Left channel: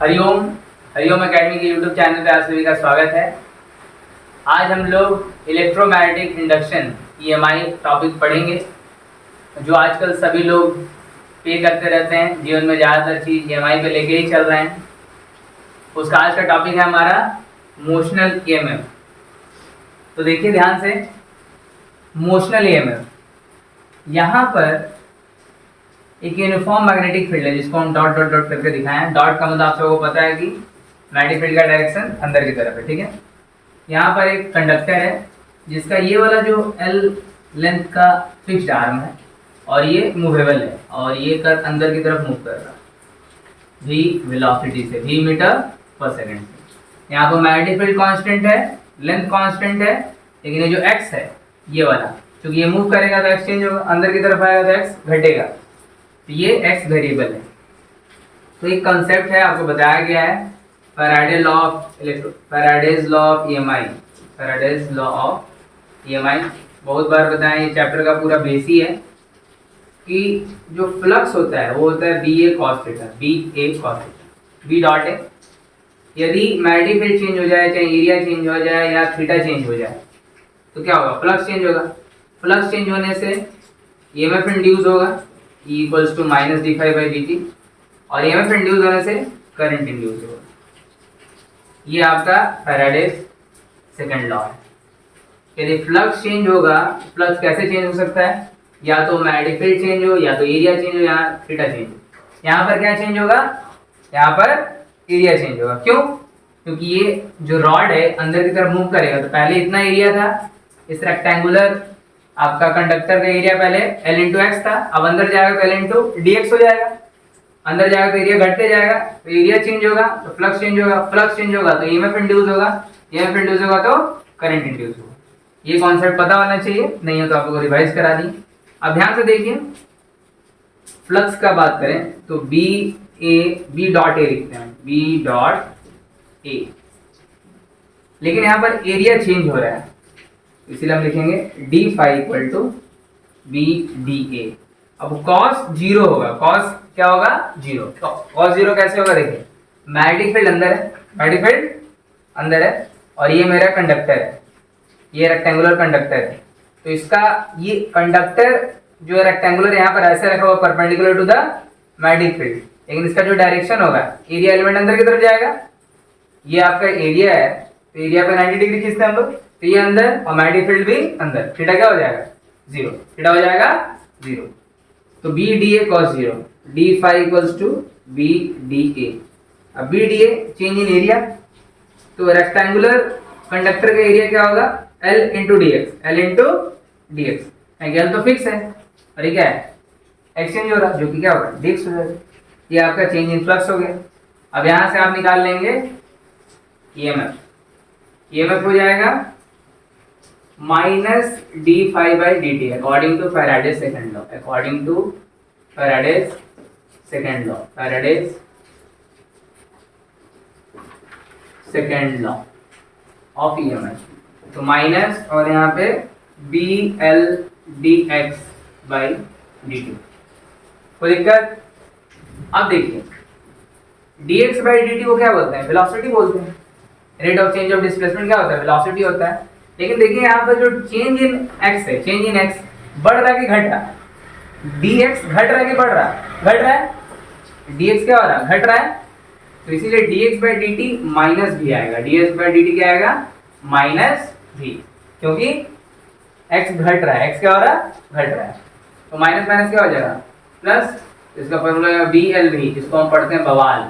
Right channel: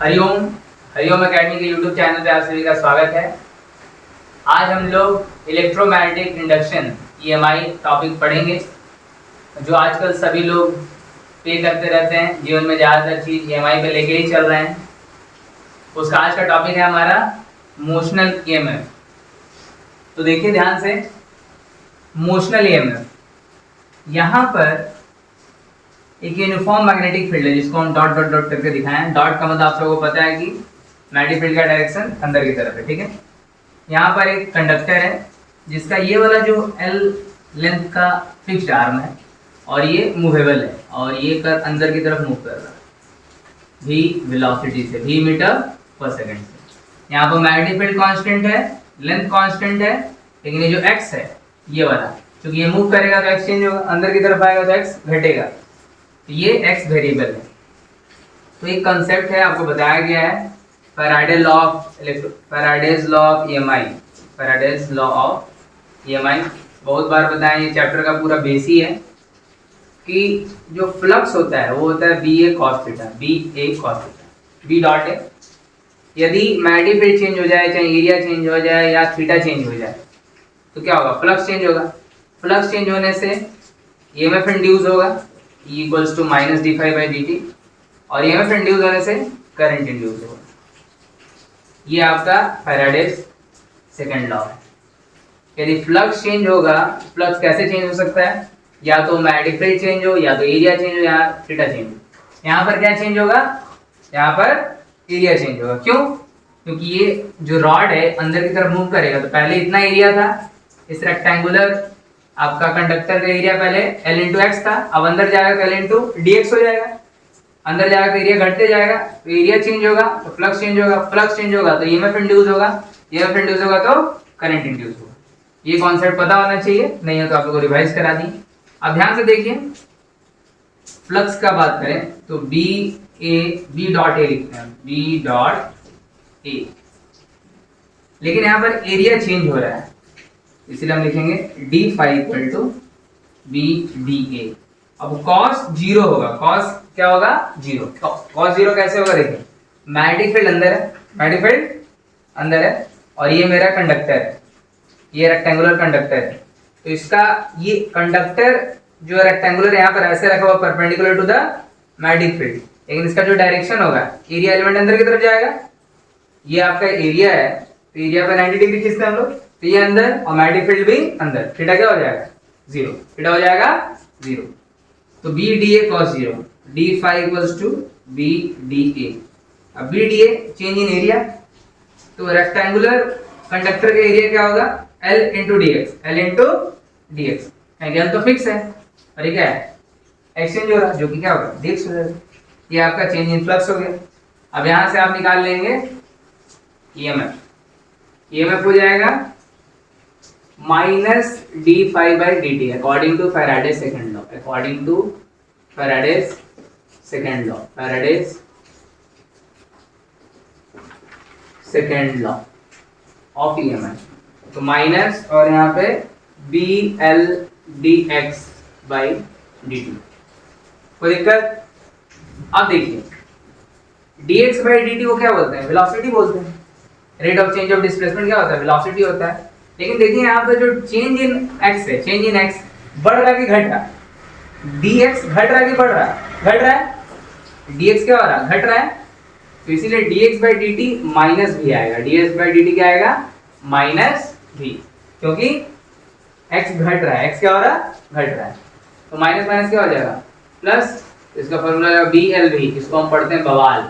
Hariom Hariom academy के YouTube channel पे आप सभी का स्वागत है। आज हम लोग इलेक्ट्रोमैग्नेटिक इंडक्शन ईएमआई टॉपिक पढ़ेंगे, जो आजकल सभी लोग पे करते रहते हैं। जीवन में ज़्यादातर चीज़ ईएमआई पे लेके ही चल रहे हैं। उसका आज का टॉपिक है हमारा मोशनल ईएमएफ। तो देखिए ध्यान से, मोशनल ईएमएफ यहाँ पर एक यूनिफॉर्म मैग्नेटिक फील्ड है जिसको हम डॉट डॉट डॉट करके दिखाए हैं। डॉट का मतलब आप सबको पता है कि मैग्नेटिक फील्ड का डायरेक्शन अंदर की तरफ है, ठीक है। यहाँ पर एक कंडक्टर है जिसका ये वाला जो एल लेंथ का फिक्स्ड आर्म है और ये मूवेबल है और ये कर अंदर की तरफ मूव कर रहा है v वेलोसिटी से, v मीटर पर सेकेंड से। यहाँ पर मैग्नेटिक फील्ड कांस्टेंट है, लेंथ कांस्टेंट है, लेकिन ये जो x है ये वाला, क्योंकि ये मूव करेगा तो x चेंज होगा, अंदर की तरफ आएगा तो x घटेगा, तो ये x वेरिएबल है। तो एक कंसेप्ट है, आपको बताया गया है Faraday's law of EMI. Faraday's law of EMI बहुत बार बताया, ये चैप्टर का पूरा बेस ही है कि जो फ्लक्स होता है वो होता है B A cos theta, B dot है। यदि मैग्नेटिक फील्ड चेंज हो जाए, चाहे एरिया चेंज हो जाए या थीटा चेंज हो जाए, तो क्या होगा? फ्लक्स चेंज होगा। फ्लक्स चेंज होने से ईएमएफ इंड्यूस होगा, E equals to minus D phi by D t, और ईएमएफ इंड्यूस होने से करंट इंड्यूस होगा। ये आपका फैराडेज सेकंड लॉ है। यदि फ्लक्स चेंज होगा, फ्लक्स कैसे चेंज हो सकता है? या तो मैग्नेटिक फील्ड चेंज हो, या तो एरिया चेंज हो, या थीटा चेंज हो। यहाँ पर क्या चेंज होगा? यहाँ पर एरिया चेंज होगा। क्यों? क्योंकि ये जो रॉड है अंदर की तरफ मूव करेगा, तो पहले इतना एरिया था, इस रेक्टेंगुलर आपका कंडक्टर का एरिया पहले L इंटू एक्स था, अब अंदर जाएगा तो L इंटू डी एक्स हो जाएगा। अंदर जाएगा तो एरिया घटते जाएगा, तो एरिया चेंज होगा तो फ्लक्स चेंज होगा, फ्लक्स चेंज होगा तो ईएमएफ इंड्यूस होगा, ईएमएफ इंड्यूस होगा तो करंट इंड्यूस होगा। ये कॉन्सेप्ट पता होना चाहिए, नहीं है तो आप लोगों को रिवाइज करा दी। अब ध्यान से देखिए, फ्लक्स का बात करें तो बी डॉट ए लिखते हैं, बी डॉट ए, लेकिन यहाँ पर एरिया चेंज हो रहा है, इसलिए हम लिखेंगे d phi equal to B D A. अब कॉस जीरो होगा, कॉस क्या होगा? जीरो। कॉस जीरो कैसे होगा? देखिए, मैग्नेटिक फील्ड अंदर है, मैग्नेटिक फील्ड अंदर है, और ये मेरा कंडक्टर है, ये रेक्टेंगुलर कंडक्टर है। तो इसका ये कंडक्टर जो रेक्टेंगुलर यहाँ पर ऐसे रखा हुआ perpendicular to the magnetic field, लेकिन इसका जो डायरेक्शन होगा, एरिया एलिमेंट अंदर की तरफ जाएगा। ये आपका एरिया है, तो एरिया पे 90 डिग्री खींचते हैं हम लोग, तो ये अंदर और मैग्नेटिक फील्ड भी अंदर। थीटा क्या हो जाएगा? जीरो। थीटा हो जाएगा जीरो। तो B D A cos zero, D phi equals to B D A. अब B D A change in area, तो रेक्टेंगुलर कंडक्टर का एरिया क्या होगा? L into D X, L into D X. L तो fix है और ये क्या है? एक्सचेंज हो रहा, जो कि क्या होगा? डी एक्स हो जाएगा। ये आपका चेंज इन फ्लक्स हो गया। अब यहां से आप निकाल लेंगे ईएमएफ। ईएमएफ हो जाएगा minus D phi by D t, according to Faraday's second law, according to Faraday's second law, Faraday's second law of EMF. तो माइनस और यहाँ पे B L d x by D t. कोई दिक्कत? अब देखिए, d x by D T को क्या बोलते हैं? वेलोसिटी बोलते हैं। Rate of change of displacement क्या होता है? वेलोसिटी होता है। लेकिन देखिए यहाँ पर जो चेंज इन एक्स है, चेंज इन एक्स बढ़ रहा है कि घट रहा? डी एक्स घट रहा है कि बढ़ रहा? घट रहा है। डी एक्स क्या हो रहा है? घट रहा है। तो इसीलिए D x by D T minus भी आएगा। D x by D T क्या आएगा? माइनस भी, क्योंकि एक्स घट रहा है। एक्स क्या हो रहा है? घट रहा है। तो माइनस माइनस क्या हो जाएगा? प्लस। तो इसका फॉर्मूला है बी एल भी, इसको हम पढ़ते हैं बवाल,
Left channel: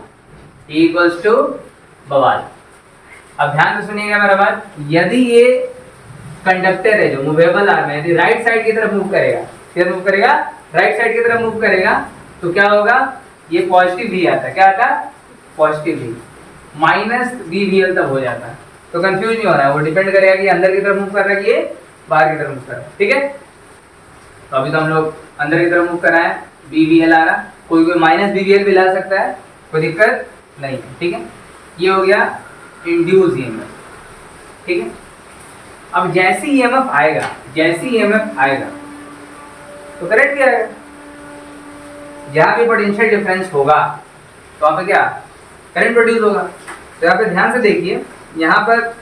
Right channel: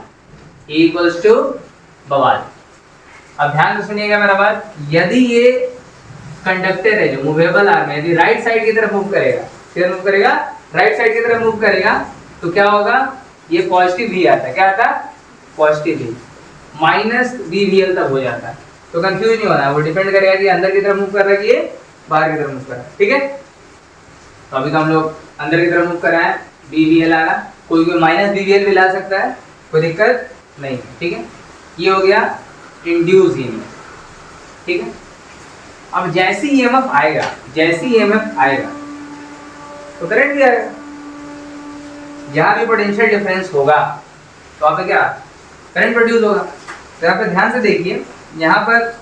E इक्वल्स टू बवाल। अब ध्यान से सुनिएगा मेरा बात, यदि ये कंडक्टर है जो मूवेबल आर्म है, यदि राइट साइड की तरफ मूव करेगा, फिर मूव करेगा राइट साइड की तरफ मूव करेगा, तो क्या होगा? ये पॉजिटिव भी आता है। क्या आता है? पॉजिटिव भी। माइनस बी वी एल तक हो जाता है। तो कंफ्यूज नहीं होना है, वो डिपेंड करेगा कि अंदर की तरफ मूव कर रहा है कि ये बाहर की तरफ मूव कर रहा है। ठीक है, तो अभी तो हम लोग अंदर की तरफ मूव कर रहे हैं, बी वी एल आ रहा, कोई माइनस बी वी एल भी ला सकता है, कोई दिक्कत नहीं है। ठीक है, ये हो गया इंड्यूस ईएमएफ। ठीक है, अब जैसे ईएमएफ आएगा, जैसे ईएमएफ आएगा तो करंट भी आएगा। जहां भी पोटेंशियल डिफरेंस होगा तो वहां पे क्या करंट प्रोड्यूस होगा। तो यहाँ पे ध्यान से देखिए, यहाँ पर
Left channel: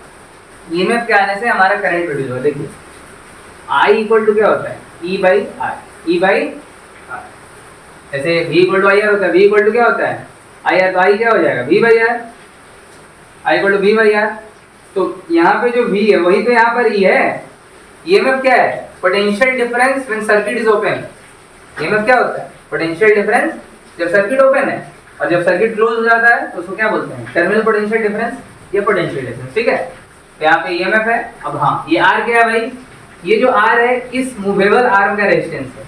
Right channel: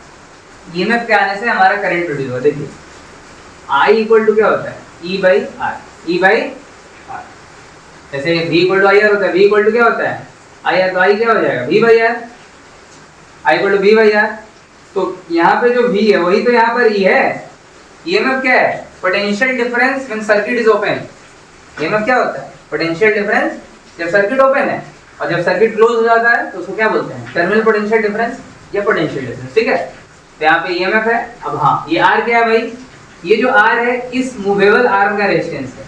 ईएमएफ के आने से हमारा करंट प्रोड्यूस होगा। देखिए I इक्वल टू क्या होता है, E by R, E by R. जैसे V equal to I R होता है, V इक्वल टू क्या होता है आई आर, तो I क्या हो जाएगा V by R, I equal to V by R. तो यहाँ पे जो V है वही तो यहाँ पर E है। ईएमएफ क्या है, potential difference when circuit is open. EMF क्या होता है, पोटेंशियल डिफरेंस जब सर्किट ओपन है, और जब सर्किट क्लोज हो जाता है तो उसको क्या बोलते हैं, टर्मिनल पोटेंशियल डिफरेंस या पोटेंशियल डिफरेंस। ठीक है, तो यहाँ पे ईएमएफ है। अब हाँ, ये आर क्या है भाई, ये जो आर है इस मूवेबल आर्म का रेजिस्टेंस है।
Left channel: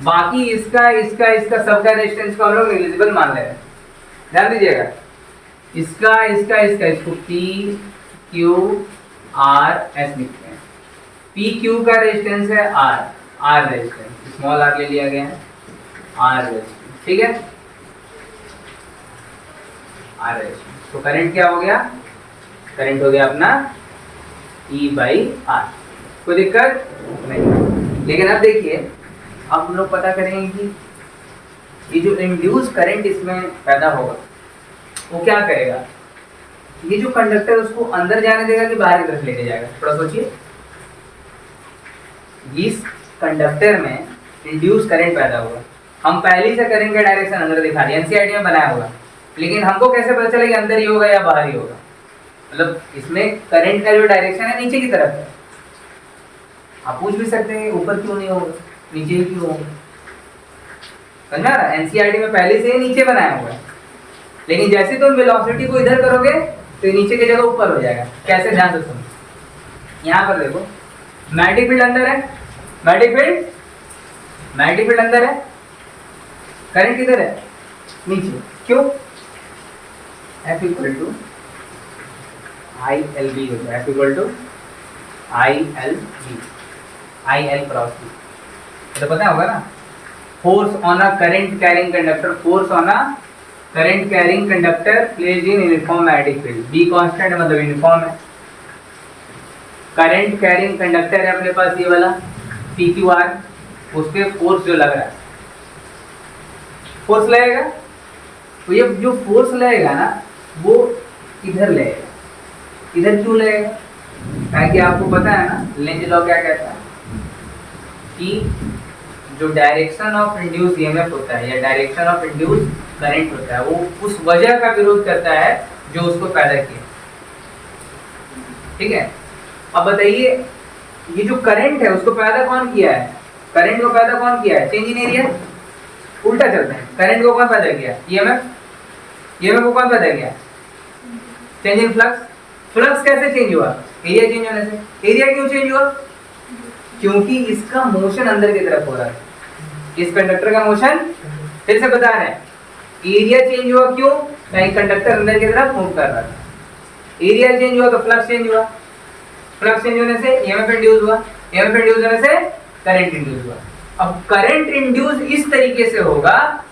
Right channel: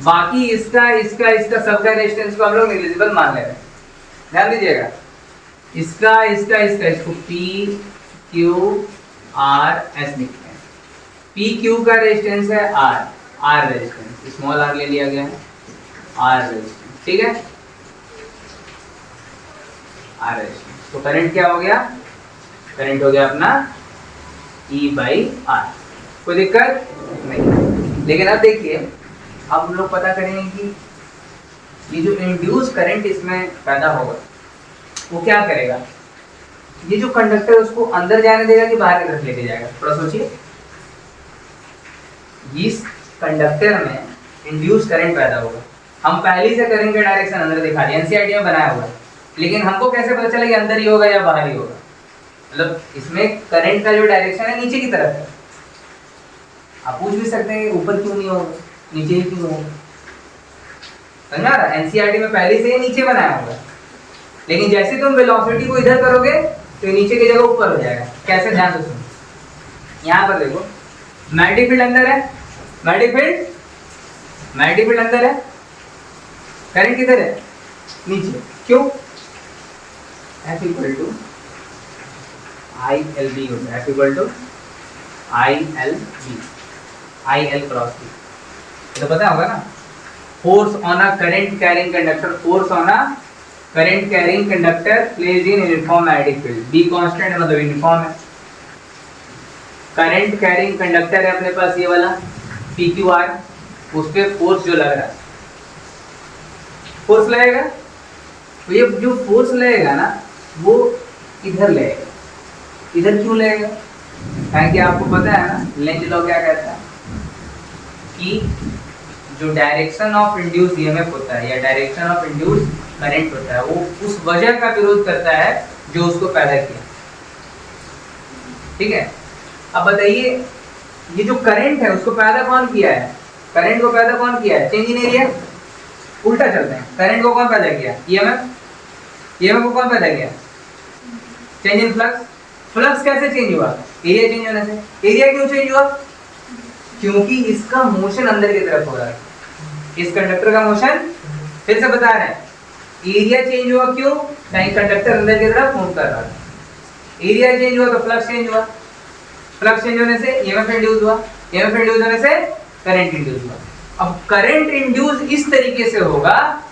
बाकी इसका इसका इसका सबका रेजिस्टेंस को हम लोग नेग्लिजिबल मान ले रहे हैं। ध्यान दीजिएगा, इसका इसका इसका इसको पी क्यू आर एस लिखते हैं। पी क्यू का रेजिस्टेंस है R, R resistance small R ले लिया गया है, आर रेजिस्टेंस। ठीक है, आर रेजिस्टेंस। तो करंट क्या हो गया, करंट हो गया अपना E बाई आर। कोई दिक्कत नहीं। लेकिन अब देखिए, अब हम लोग पता करेंगे कि ये जो इंड्यूस करंट इसमें पैदा होगा वो क्या करेगा। ये जो कंडक्टर उसको अंदर जाने देगा कि बाहर की तरफ लेके जाएगा, थोड़ा सोचिए। इस कंडक्टर में इंड्यूस करंट पैदा होगा। हम पहले से करंट का डायरेक्शन अंदर दिखा दिया, एनसीईआरटी में बनाया हुआ, लेकिन हमको कैसे पता चला कि अंदर ही होगा या बाहर ही होगा। मतलब इसमें करंट का जो डायरेक्शन है नीचे की तरफ है। आप पूछ भी सकते हैं कि ऊपर क्यों नहीं होगा, नीचे ही क्यों होगा। समझ में आ रहा है, एनसीईआरटी में पहले से ही नीचे बनाया हुआ है, लेकिन जैसे तुम वेलोसिटी को इधर करोगे तो नीचे की जगह ऊपर हो जाएगा। कैसे, ध्यान से सुनो। यहाँ पर देखो, मैग्नेटिक फील्ड अंदर है, मैग्नेटिक फील्ड अंदर है, करंट किधर है, नीचे। क्यों, F equal to I L B होता है, F equal to I L B, I L cross B. तो पता होगा ना, force on a current carrying conductor, force on a current carrying conductor placed in uniform magnetic field. B constant मतलब uniform है। Current carrying conductor है अपने पास ये वाला पी क्यू आर, उस पर फोर्स जो लग रहा है, फोर्स लगेगा। तो ये जो फोर्स लगेगा ना वो इधर लगेगा। इधर क्यों लगेगा, कारण कि आपको पता है ना लेंज लॉ क्या कहता है कि जो डायरेक्शन ऑफ इंड्यूस ईएमएफ होता है या डायरेक्शन ऑफ इंड्यूस करंट होता है वो उस वजह का विरोध करता है जो उसको पैदा किया। ठीक है, अब बताइए ये जो करंट है उसको पैदा कौन किया है, करंट को पैदा कौन किया है, चेंज इन एरिया। उल्टा चलते हैं, करंट को कौन पैदा किया, ईएमएफ, ईएमएफ को कौन पैदा किया, चेंज इन फ्लक्स। फ्लक्स कैसे चेंज हुआ, एरिया चेंज होने से। एरिया क्यों चेंज हुआ, क्योंकि इसका मोशन अंदर की तरफ हो रहा है, इस कंडक्टर का मोशन। फिर से बता रहे हैं, एरिया चेंज हुआ क्यों, कहीं कंडक्टर अंदर की तरफ मूव कर रहा था। एरिया चेंज हुआ तो फ्लक्स चेंज हुआ, फ्लक्स चेंज होने से ईएमएफ इंड्यूस हुआ, ईएमएफ इंड्यूस होने से करंट इंड्यूस हुआ। अब करंट इंड्यूस इस तरीके से होगा,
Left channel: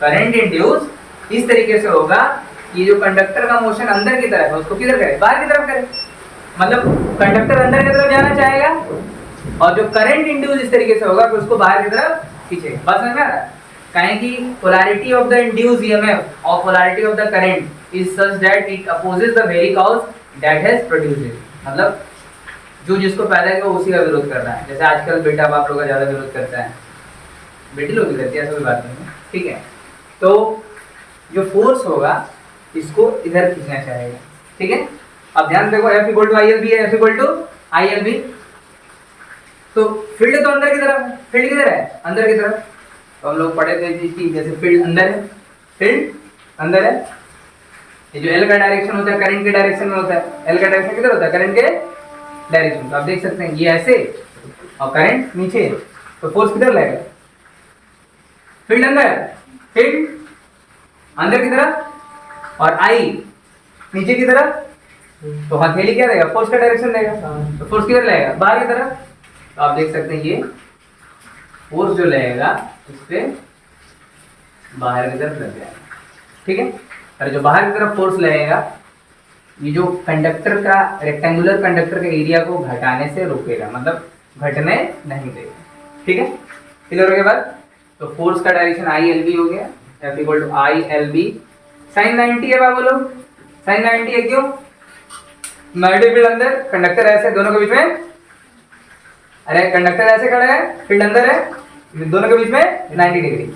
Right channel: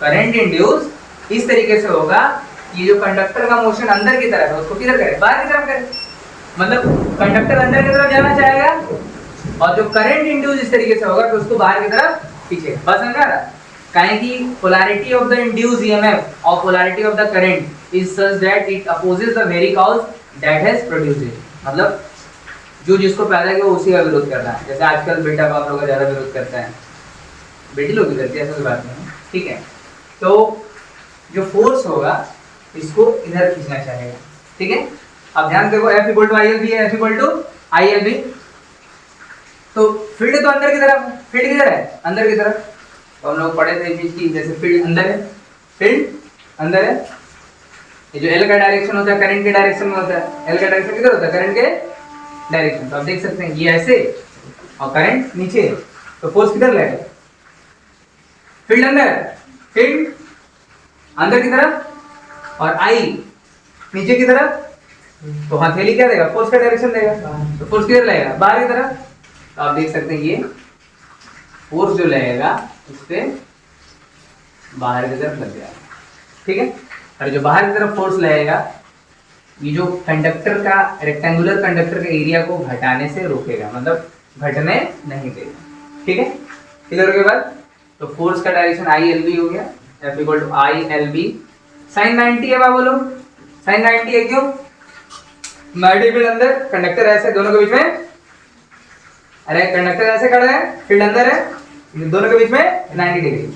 करंट इंड्यूस इस तरीके से होगा, ये जो कंडक्टर का मोशन अंदर की तरफ है उसको किधर करे, बाहर की तरफ करे। मतलब कंडक्टर अंदर की तरफ जाना चाहेगा, और जो करंट इंड्यूस इस तरीके से होगा कि उसको बाहर की तरफ पीछे। बस समझ में आ रहा है, काहे कि polarity of the induce EMF और polarity of the current is such that it opposes the very cause that has produced it. मतलब जो जिसको पैदा किया उसी का विरोध कर रहा है। जैसे आजकल बेटा बाप लोग का ज्यादा विरोध करता है, बेटी लोग भी करती है, ऐसा कोई बात नहीं है। ठीक है, तो जो फोर्स होगा इसको इधर खींचना चाहेगा। ठीक है, अब ध्यान देखो, F equal to I L B है, F equal to I L B. तो फील्ड तो अंदर की तरफ है, फील्ड किधर है, अंदर की तरफ। तो हम लोग पढ़े थे चीज की, जैसे फील्ड अंदर है, फील्ड अंदर है। ये जो एल का डायरेक्शन होता है करंट के डायरेक्शन में होता है, एल का डायरेक्शन किधर होता है, करंट के डायरेक्शन। तो आप देख सकते हैं ये ऐसे और करंट नीचे, तो फोर्स किधर लगेगा, फील्ड अंदर, फील्ड अंदर की तरफ और आई नीचे की तरफ। तो हथेली क्या देगा, फोर्स का डायरेक्शन देगा, तो फोर्स किधर लगेगा, बाहर की तरफ। तो आप देख सकते हैं ये फोर्स जो लगेगा इस पे बाहर की तरफ लग जाएगा। ठीक है, और जो बाहर की तरफ फोर्स लगेगा ये जो कंडक्टर का, रेक्टेंगुलर कंडक्टर के एरिया को घटाने से रोकेगा, मतलब घटने नहीं देगा। ठीक है, क्लियर हो गया बात। तो फोर्स का डायरेक्शन आई एल बी हो गया, F equal to I L B sine 90 है बाबू लोग, साइन 90 है क्यों? मैग्नेटिक फील्ड अंदर, कंडक्टर ऐसे दोनों के बीच में, अरे कंडक्टर ऐसे खड़े हैं, फील्ड अंदर है, दोनों के बीच में 90 डिग्री।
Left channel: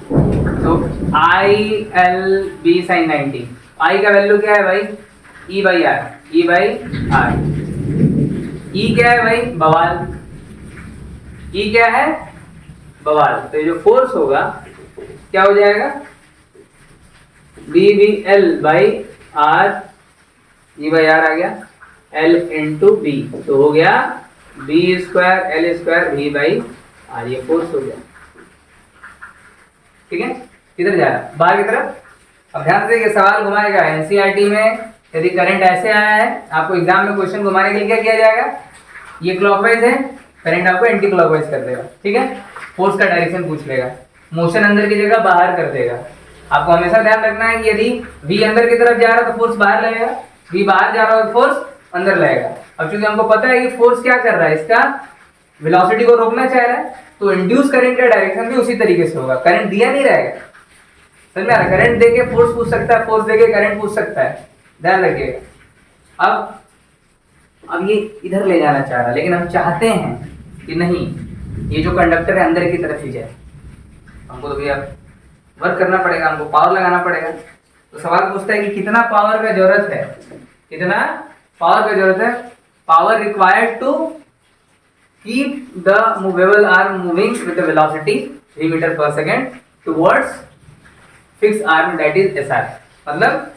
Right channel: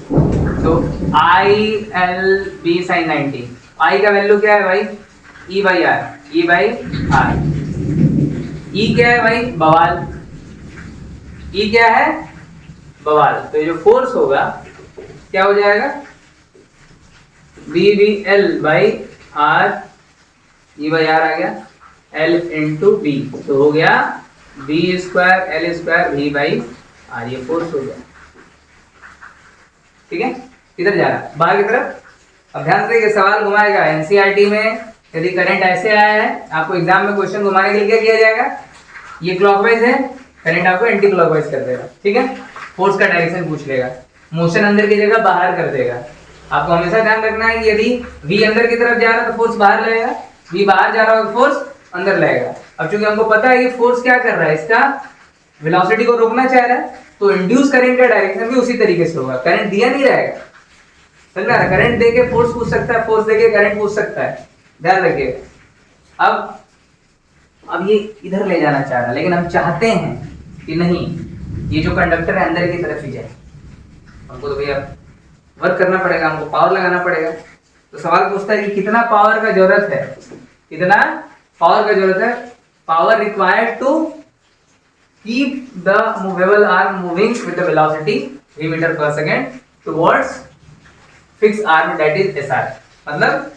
तो I L B sine 90, I का वैल्यू क्या है भाई? E by R, E by R. E क्या है भाई? बवाल। ई क्या है? बवाल। तो जो फोर्स होगा क्या हो जाएगा? B V L by R, E by R आ गया, एल इंटू बी, तो हो गया B square L square V by R, ये फोर्स हो गया। ठीक है, किधर जा रहा है? बाहर की तरफ। अब ध्यान से ये सवाल घुमाएगा एनसीईआरटी में, यदि करंट ऐसे आया है, आपको एग्जाम में क्वेश्चन घुमाने के लिए क्या किया जाएगा? ये क्लॉकवाइज है, करंट आपको एंटी क्लॉकवाइज कर देगा। ठीक है, फोर्स का डायरेक्शन पूछ लेगा, मोशन अंदर की जगह बाहर कर देगा। आपको हमेशा ध्यान रखना है कि यदि v अंदर की तरफ जा रहा है तो फोर्स बाहर लगेगा, v बाहर जा रहा है तो फोर्स अंदर लगेगा। अब चूंकि हमको पता है कि फोर्स क्या कर रहा है, इसका वेलोसिटी को रोकना चाह रहा है, तो इंड्यूस करंट का डायरेक्शन भी उसी तरीके से होगा। करंट दिया नहीं रहेगा, समझ में आ रहा है? करंट देके फोर्स पूछ सकता है, फोर्स देके करंट पूछ सकता है, ध्यान रखिएगा। अब ये इधर ले जाना चाह रहा है, लेकिन हम चाहते हैं कि नहीं, ये जो कंडक्टर है अंदर की तरफ ही जाए। हमको तो भैया वर्क करना पड़ेगा, हमको पावर लगाना पड़ेगा। तो सवाल पूछता है कि कितना पावर का जरूरत है, कितना पावर का जरूरत है? Power required to keep the movable arm moving with the velocity 3 metre per second towards fix arm that is SR. मतलब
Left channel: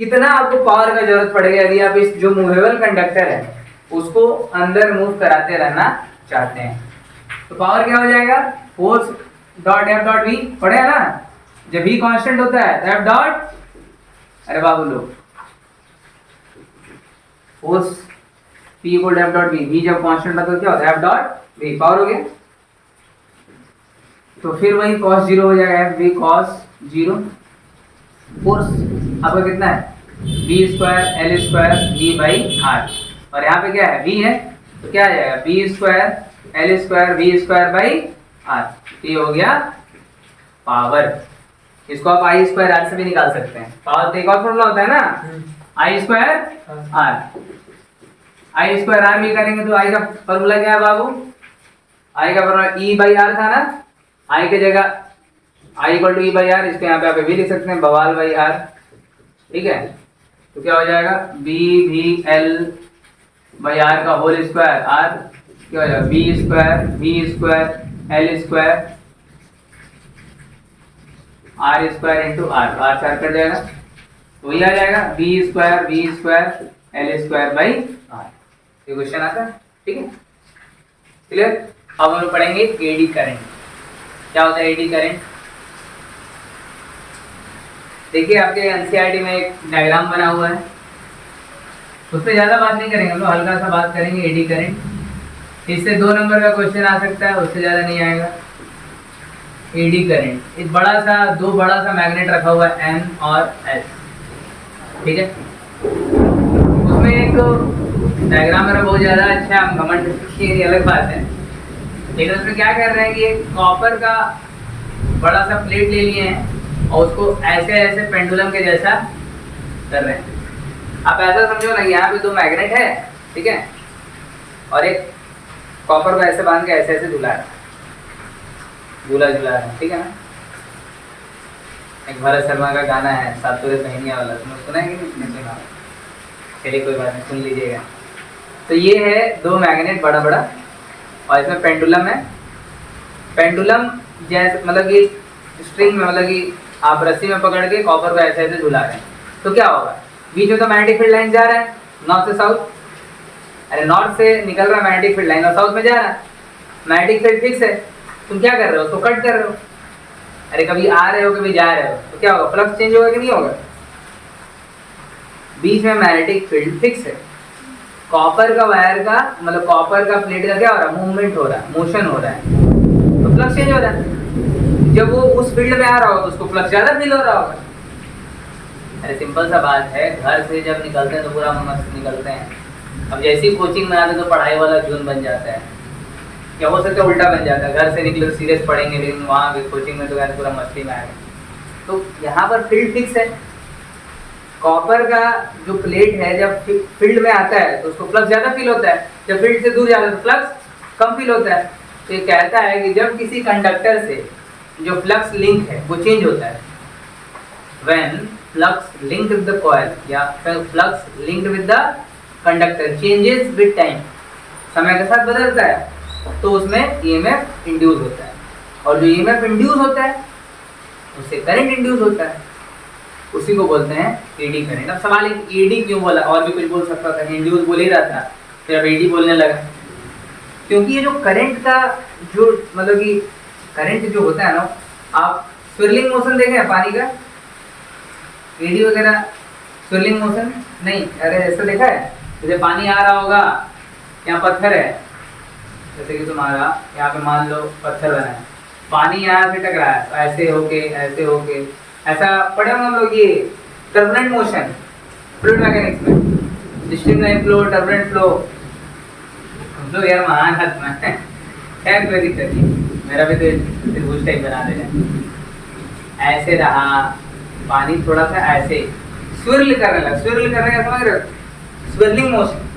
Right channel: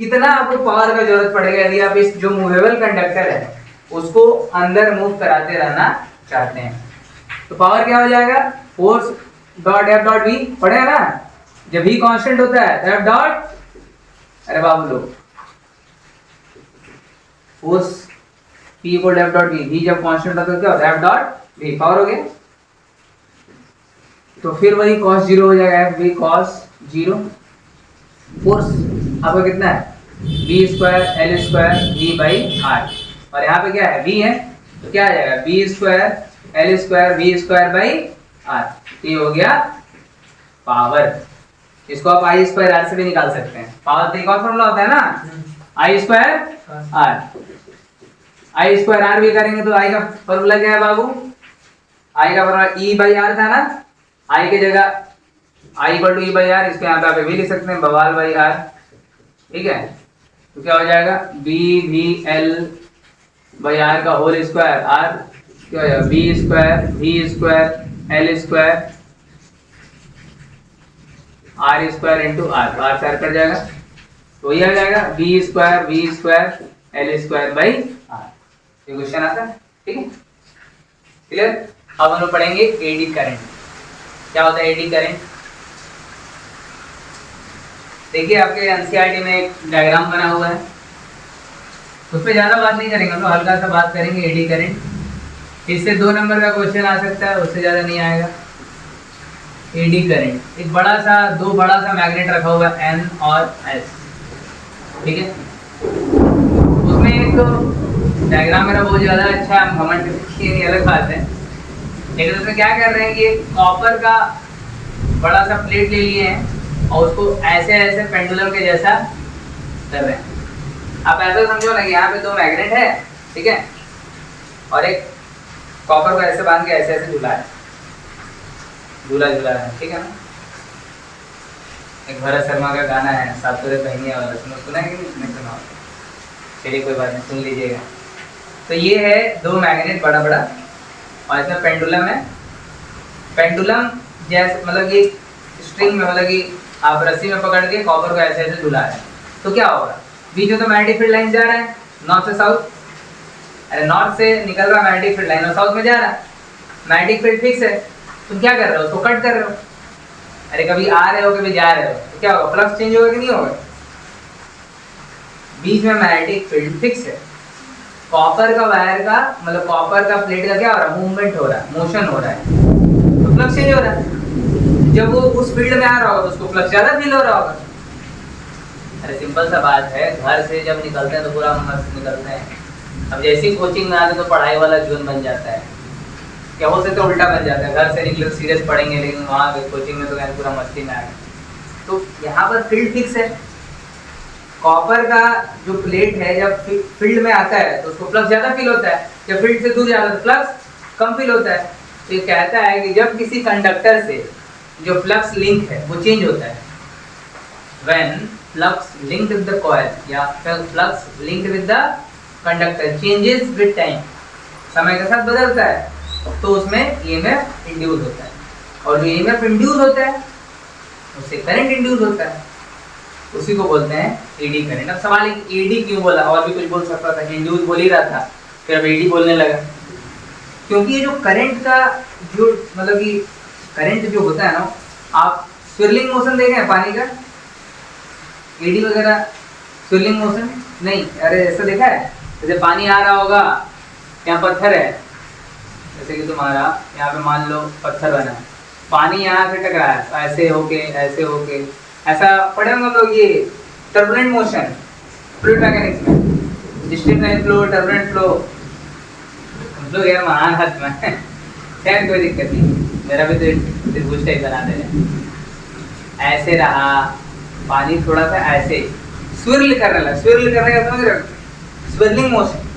कितना आपको पावर का जरूरत पड़ेगा यदि आप इस जो मूवेबल कंडक्टर है उसको अंदर मूव कराते रहना चाहते हैं। तो पावर क्या हो जाएगा? Force dot F dot V, पढ़े है ना? जब वी कांस्टेंट होता है तो एफ डॉट, अरे बाबू लोग, force P equal F dot V, V जब कांस्टेंट होता है तो क्या होता है? एफ डॉट वी, पावर हो गया। तो फिर वही cos 0 हो जाएगा, एफ वी cos 0। फोर्स आपका कितना है? v square L square V by R, और यहाँ पे क्या है? v है, तो क्या आ जाएगा? v square L square V square by R. ये हो गया पावर। इसको आप आई स्क्वायर आर से भी निकाल सकते हैं। पावर तो एक और फॉर्मूला होता है ना, I square R. I square R भी करेंगे तो आई का फॉर्मूला क्या है बाबू? आई का फॉर्मूला ई बाई आर था ना, आई की जगह I equal to E by R, इसको यहाँ पे आप भी लिख सकते हैं, बवाल बाई आर। ठीक है, तो क्या हो जाएगा? B V L by R का होल स्क्वायर, आर क्या हो जाएगा? B square V square L square R square into R, R से आर कर जाएगा, तो ये आ जाएगा B square V square L square by R. ये क्वेश्चन आता है। ठीक है, क्लियर? अब हम लोग पढ़ेंगे एडी करंट। क्या होता है एडी करंट? देखिए आपके एनसीईआरटी में एक डायग्राम बना हुआ है, उस पर ज़्यादा बात नहीं करेंगे हम लोग, हल्का सा बात करेंगे एडी करंट। इससे 2 नंबर का क्वेश्चन आ सकता है, उससे ज़्यादा नहीं आएगा। एडी करंट, एक बड़ा सा, 2 बड़ा सा मैग्नेट रखा हुआ है एन और एस, ठीक है? उसमें एक डायग्राम मेरा बहुत ज़्यादा अच्छा है, हम घमंड की अलग बात है, लेकिन उसमें क्या कर रहे हैं कि एक कॉपर का बड़ा सा प्लेट ले लिए हैं और उसको ऐसे ऐसे पेंडुलम के जैसा कर रहे हैं। आप ऐसा समझो ना कि यहाँ पे 2 मैग्नेट है, ठीक है, और एक कॉपर को ऐसे बांध के ऐसे ऐसे झूला है, झूला झूला है, ठीक है ना? एक भरत शर्मा का गाना है सातुरे पहनिया वाला, सुना है कि नहीं सुना? चलिए कोई बात नहीं, सुन लीजिएगा। तो ये है 2 मैग्नेट बड़ा बड़ा, और इसमें पेंडुलम है। पेंडुलम जैसे मतलब कि स्ट्रिंग में, मतलब कि आप रस्सी में पकड़ के कॉपर को ऐसे ऐसे झुला रहे हैं, तो क्या होगा? बीच में तो मैग्नेटिक फील्ड लाइन जा रहा है नॉर्थ से साउथ, अरे नॉर्थ से निकल रहा मैग्नेटिक फील्ड लाइन और साउथ में जा रहा है। मैग्नेटिक फील्ड फिक्स है, तुम क्या कर रहे हो? उसको कट कर रहे हो। अरे कभी आ रहे हो कभी जा रहे हो, तो क्या होगा? फ्लक्स चेंज होगा कि नहीं होगा? बीच में मैग्नेटिक फील्ड फिक्स है। कॉपर का वायर का मतलब कॉपर का प्लेट का क्या हो रहा है? मूवमेंट हो रहा है, मोशन हो रहा है, तो फ्लक्स चेंज हो रहा है। जब वो उस फील्ड में आ रहा होगा तो उसको फ्लक्स ज्यादा फील हो रहा होगा। अरे सिंपल सा बात है, घर से जब निकलते हैं तो पूरा मस्त निकलते हैं, अब जैसी कोचिंग में आते तो पढ़ाई वाला जून बन जाता है, क्या हो सकता है उल्टा बन जाता है, घर से निकले तो सीरियस पढ़ेंगे लेकिन वहाँ कोचिंग में तो पूरा मस्ती में आएगा। तो यहाँ पर फील्ड फिक्स है, कॉपर का जो प्लेट है जब फील्ड में आता है तो उसको फ्लक्स ज्यादा फील होता है, जब फील्ड से दूर जाता है तो फ्लक्स कम फील होता है। तो ये कहता है कि जब किसी कंडक्टर से जो फ्लक्स लिंक है वो चेंज होता है, when flux linked with the coil या flux linked with the conductor changes with time, समय के साथ बदलता है, तो उसमें ईएमएफ इंड्यूस होता है, और जो ईएमएफ इंड्यूस होता है उससे करंट इंड्यूस होता है, उसी को बोलते हैं एडी करंट। अब सवाल है एडी क्यों बोला, और भी कुछ बोल सकता था, इंड्यूस बोल ही रहा था, फिर अब एडी बोलने लगा। क्योंकि ये जो करंट का जो मतलब कि करंट जो होता है ना, आप स्विरलिंग मोशन देखे हैं पानी का, एडी वगैरह स्विरलिंग मोशन नहीं, अरे ऐसा देखा है, जैसे पानी आ रहा होगा, यहाँ पत्थर है, जैसे कि तुम्हारा यहाँ पे मान लो पत्थर बना है, पानी यहाँ से टकराया तो ऐसे होके ऐसा पढ़े हम लोग, ये टर्बुलेंट मोशन फ्लूइड मैकेनिक्स में, स्ट्रीमलाइन फ्लो, टर्बुलेंट फ्लो, जो यार महान हाथ में खैर कोई दिक्कत नहीं, मेरा भी तो त्रिभुज टाइप बना देना। ऐसे रहा पानी, थोड़ा सा ऐसे स्विर्ल करने लगा, स्विर्ल करने का समझ रहे हो, स्विर्लिंग मोशन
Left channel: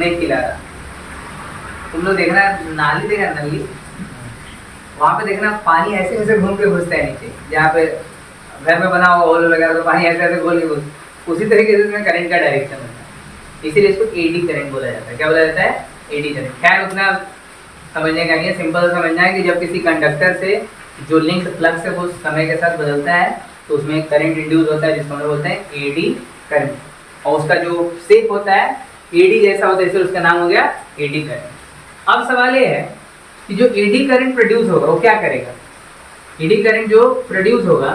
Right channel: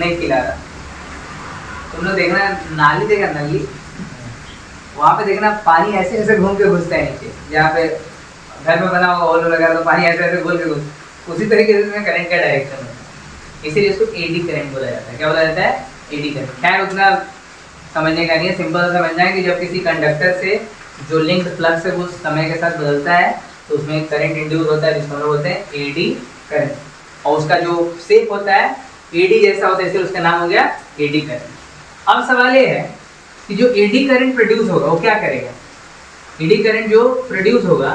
नहीं खिला रहा। तुम लोग देखना, नाली देखा, नली वहाँ पे देखना पानी ऐसे ऐसे घूम के घुसता है नीचे, जहाँ पे घर में बना हुआ होल वगैरह तो पानी ऐसे ऐसे घूम के घुस, उसी तरीके से इसमें करंट का डायरेक्शन होता है, इसीलिए इसको एडी करंट बोला जाता है। क्या बोला जाता है? Eddy current. खैर उतना समझने का नहीं है, सिंपल समझना है कि जब किसी कंडक्टर से जो लिंक्ड फ्लक्स है वो समय के साथ बदलता है तो उसमें करंट इंड्यूस होता है, जिसको हम लोग बोलते हैं एडी करंट, और उसका जो शेप होता है एडी जैसा होता है, इसलिए उसका नाम हो गया एडी करंट। अब सवाल ये है कि जो एडी करंट प्रोड्यूस होगा वो क्या करेगा? एडी करंट जो प्रोड्यूस होगा,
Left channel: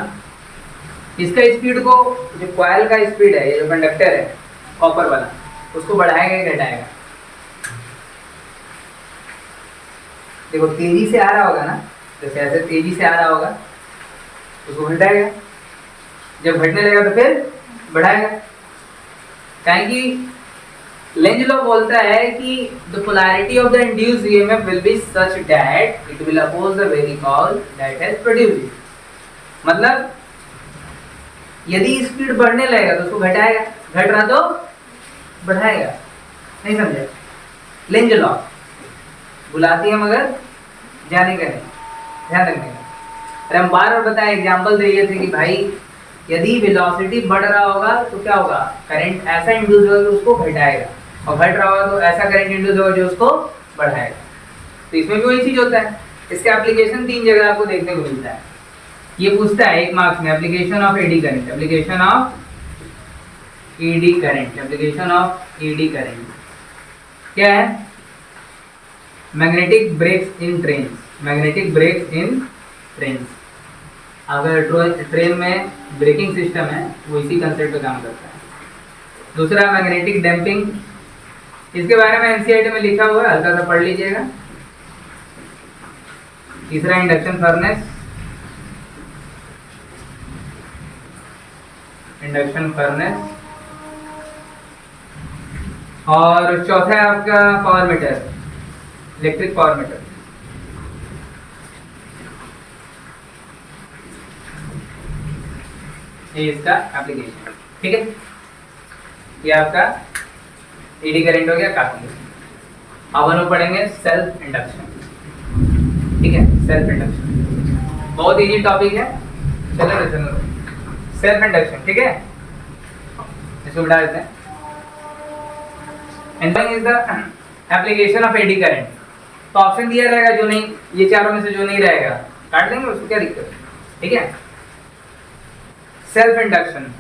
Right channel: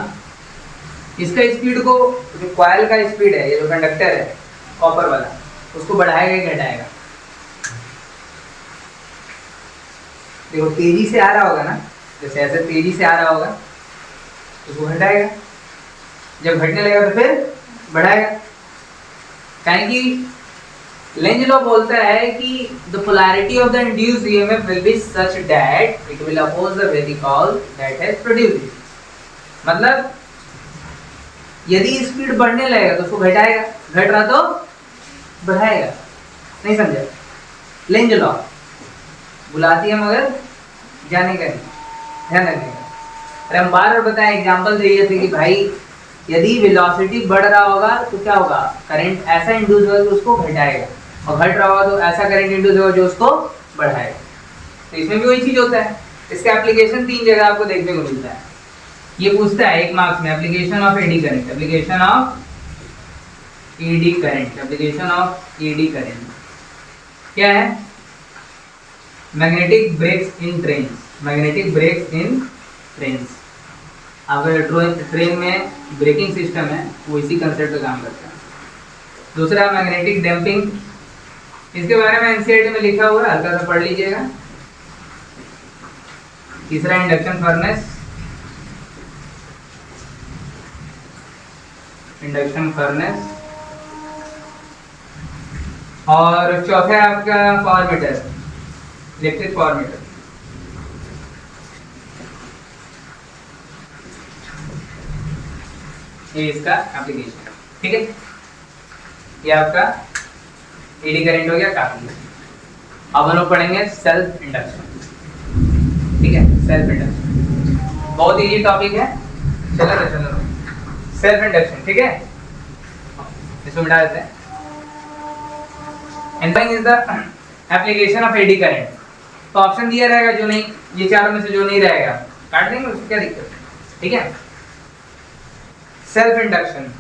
इसका स्पीड को, जो कॉइल का स्पीड है, ये जो कंडक्टर है कॉपर वाला, उसको बढ़ाएगा या घटाएगा? देखो तेजी से आ रहा होगा ना, जैसे ऐसे तेजी से आ रहा होगा, उसको घटाएगा, जब घटने लगेगा तो फिर बढ़ाएगा। कहें कि लेंज लॉ बोलता है कि the polarity of the induced EMF will be such that it will oppose the vehicle that has produced it। मतलब यदि स्पीड बढ़ने लगेगा तो उसको घटाएगा, घट रहा तो बढ़ाएगा। नहीं समझे? लेंज लॉ बुलाती है मगर जाने का नहीं, ध्यान रखने का। अरे हम बार बार बताएं, एग्जाम्पल दिए थे कि भाई यदि वेलोसिटी बढ़ रहा होगा तो क्या होगा, करंट ऐसा इंड्यूस होगा कि उसको घटाएगा, और घट रहा होगा तो ऐसा करंट इंड्यूस होगा जो उसको बढ़ाएगा। तो इसमें भी वही चीज होता है। इसका एप्लीकेशन 3 जगह आपको देखने को मिलता है। ये पूछता है 1 मार्क्स में, application of eddy current, application of eddy current, application of eddy current क्या है? मैग्नेटिक ब्रेक्स इन ट्रेन, मैग्नेटिक ब्रेक्स इन ट्रेन्स। अगर ट्रेन में ब्रेकिंग सिस्टम है वो इसी कंसेप्ट पे काम करता है। दूसरा मैग्नेटिक डैम्पिंग, इसके बारे में एनसीईआरटी में लिखा हुआ है, हल्का सा पढ़ लीजिएगा। तीसरा इंडक्शन फर्नेस, इंडक्शन फर्नेस, और चौथा है आपका power meter, electric power meter. ये इसका एप्लीकेशन, ठीक है। ये आपका एडी करंट हो गया काफी। अब हम लोग पढ़ेंगे सेल्फ इंडक्शन, ठीक है। सेल्फ इंडक्शन बहुत इजी टॉपिक है, चलो सेल्फ इंडक्शन, ठीक है। इसको मिटा देते हैं। And is the application of eddy current. तो ऑप्शन दिया रहेगा, जो नहीं, ये चारों में से जो नहीं रहेगा काट देंगे, उसको क्या दिक्कत है, ठीक है। सेल्फ इंडक्शन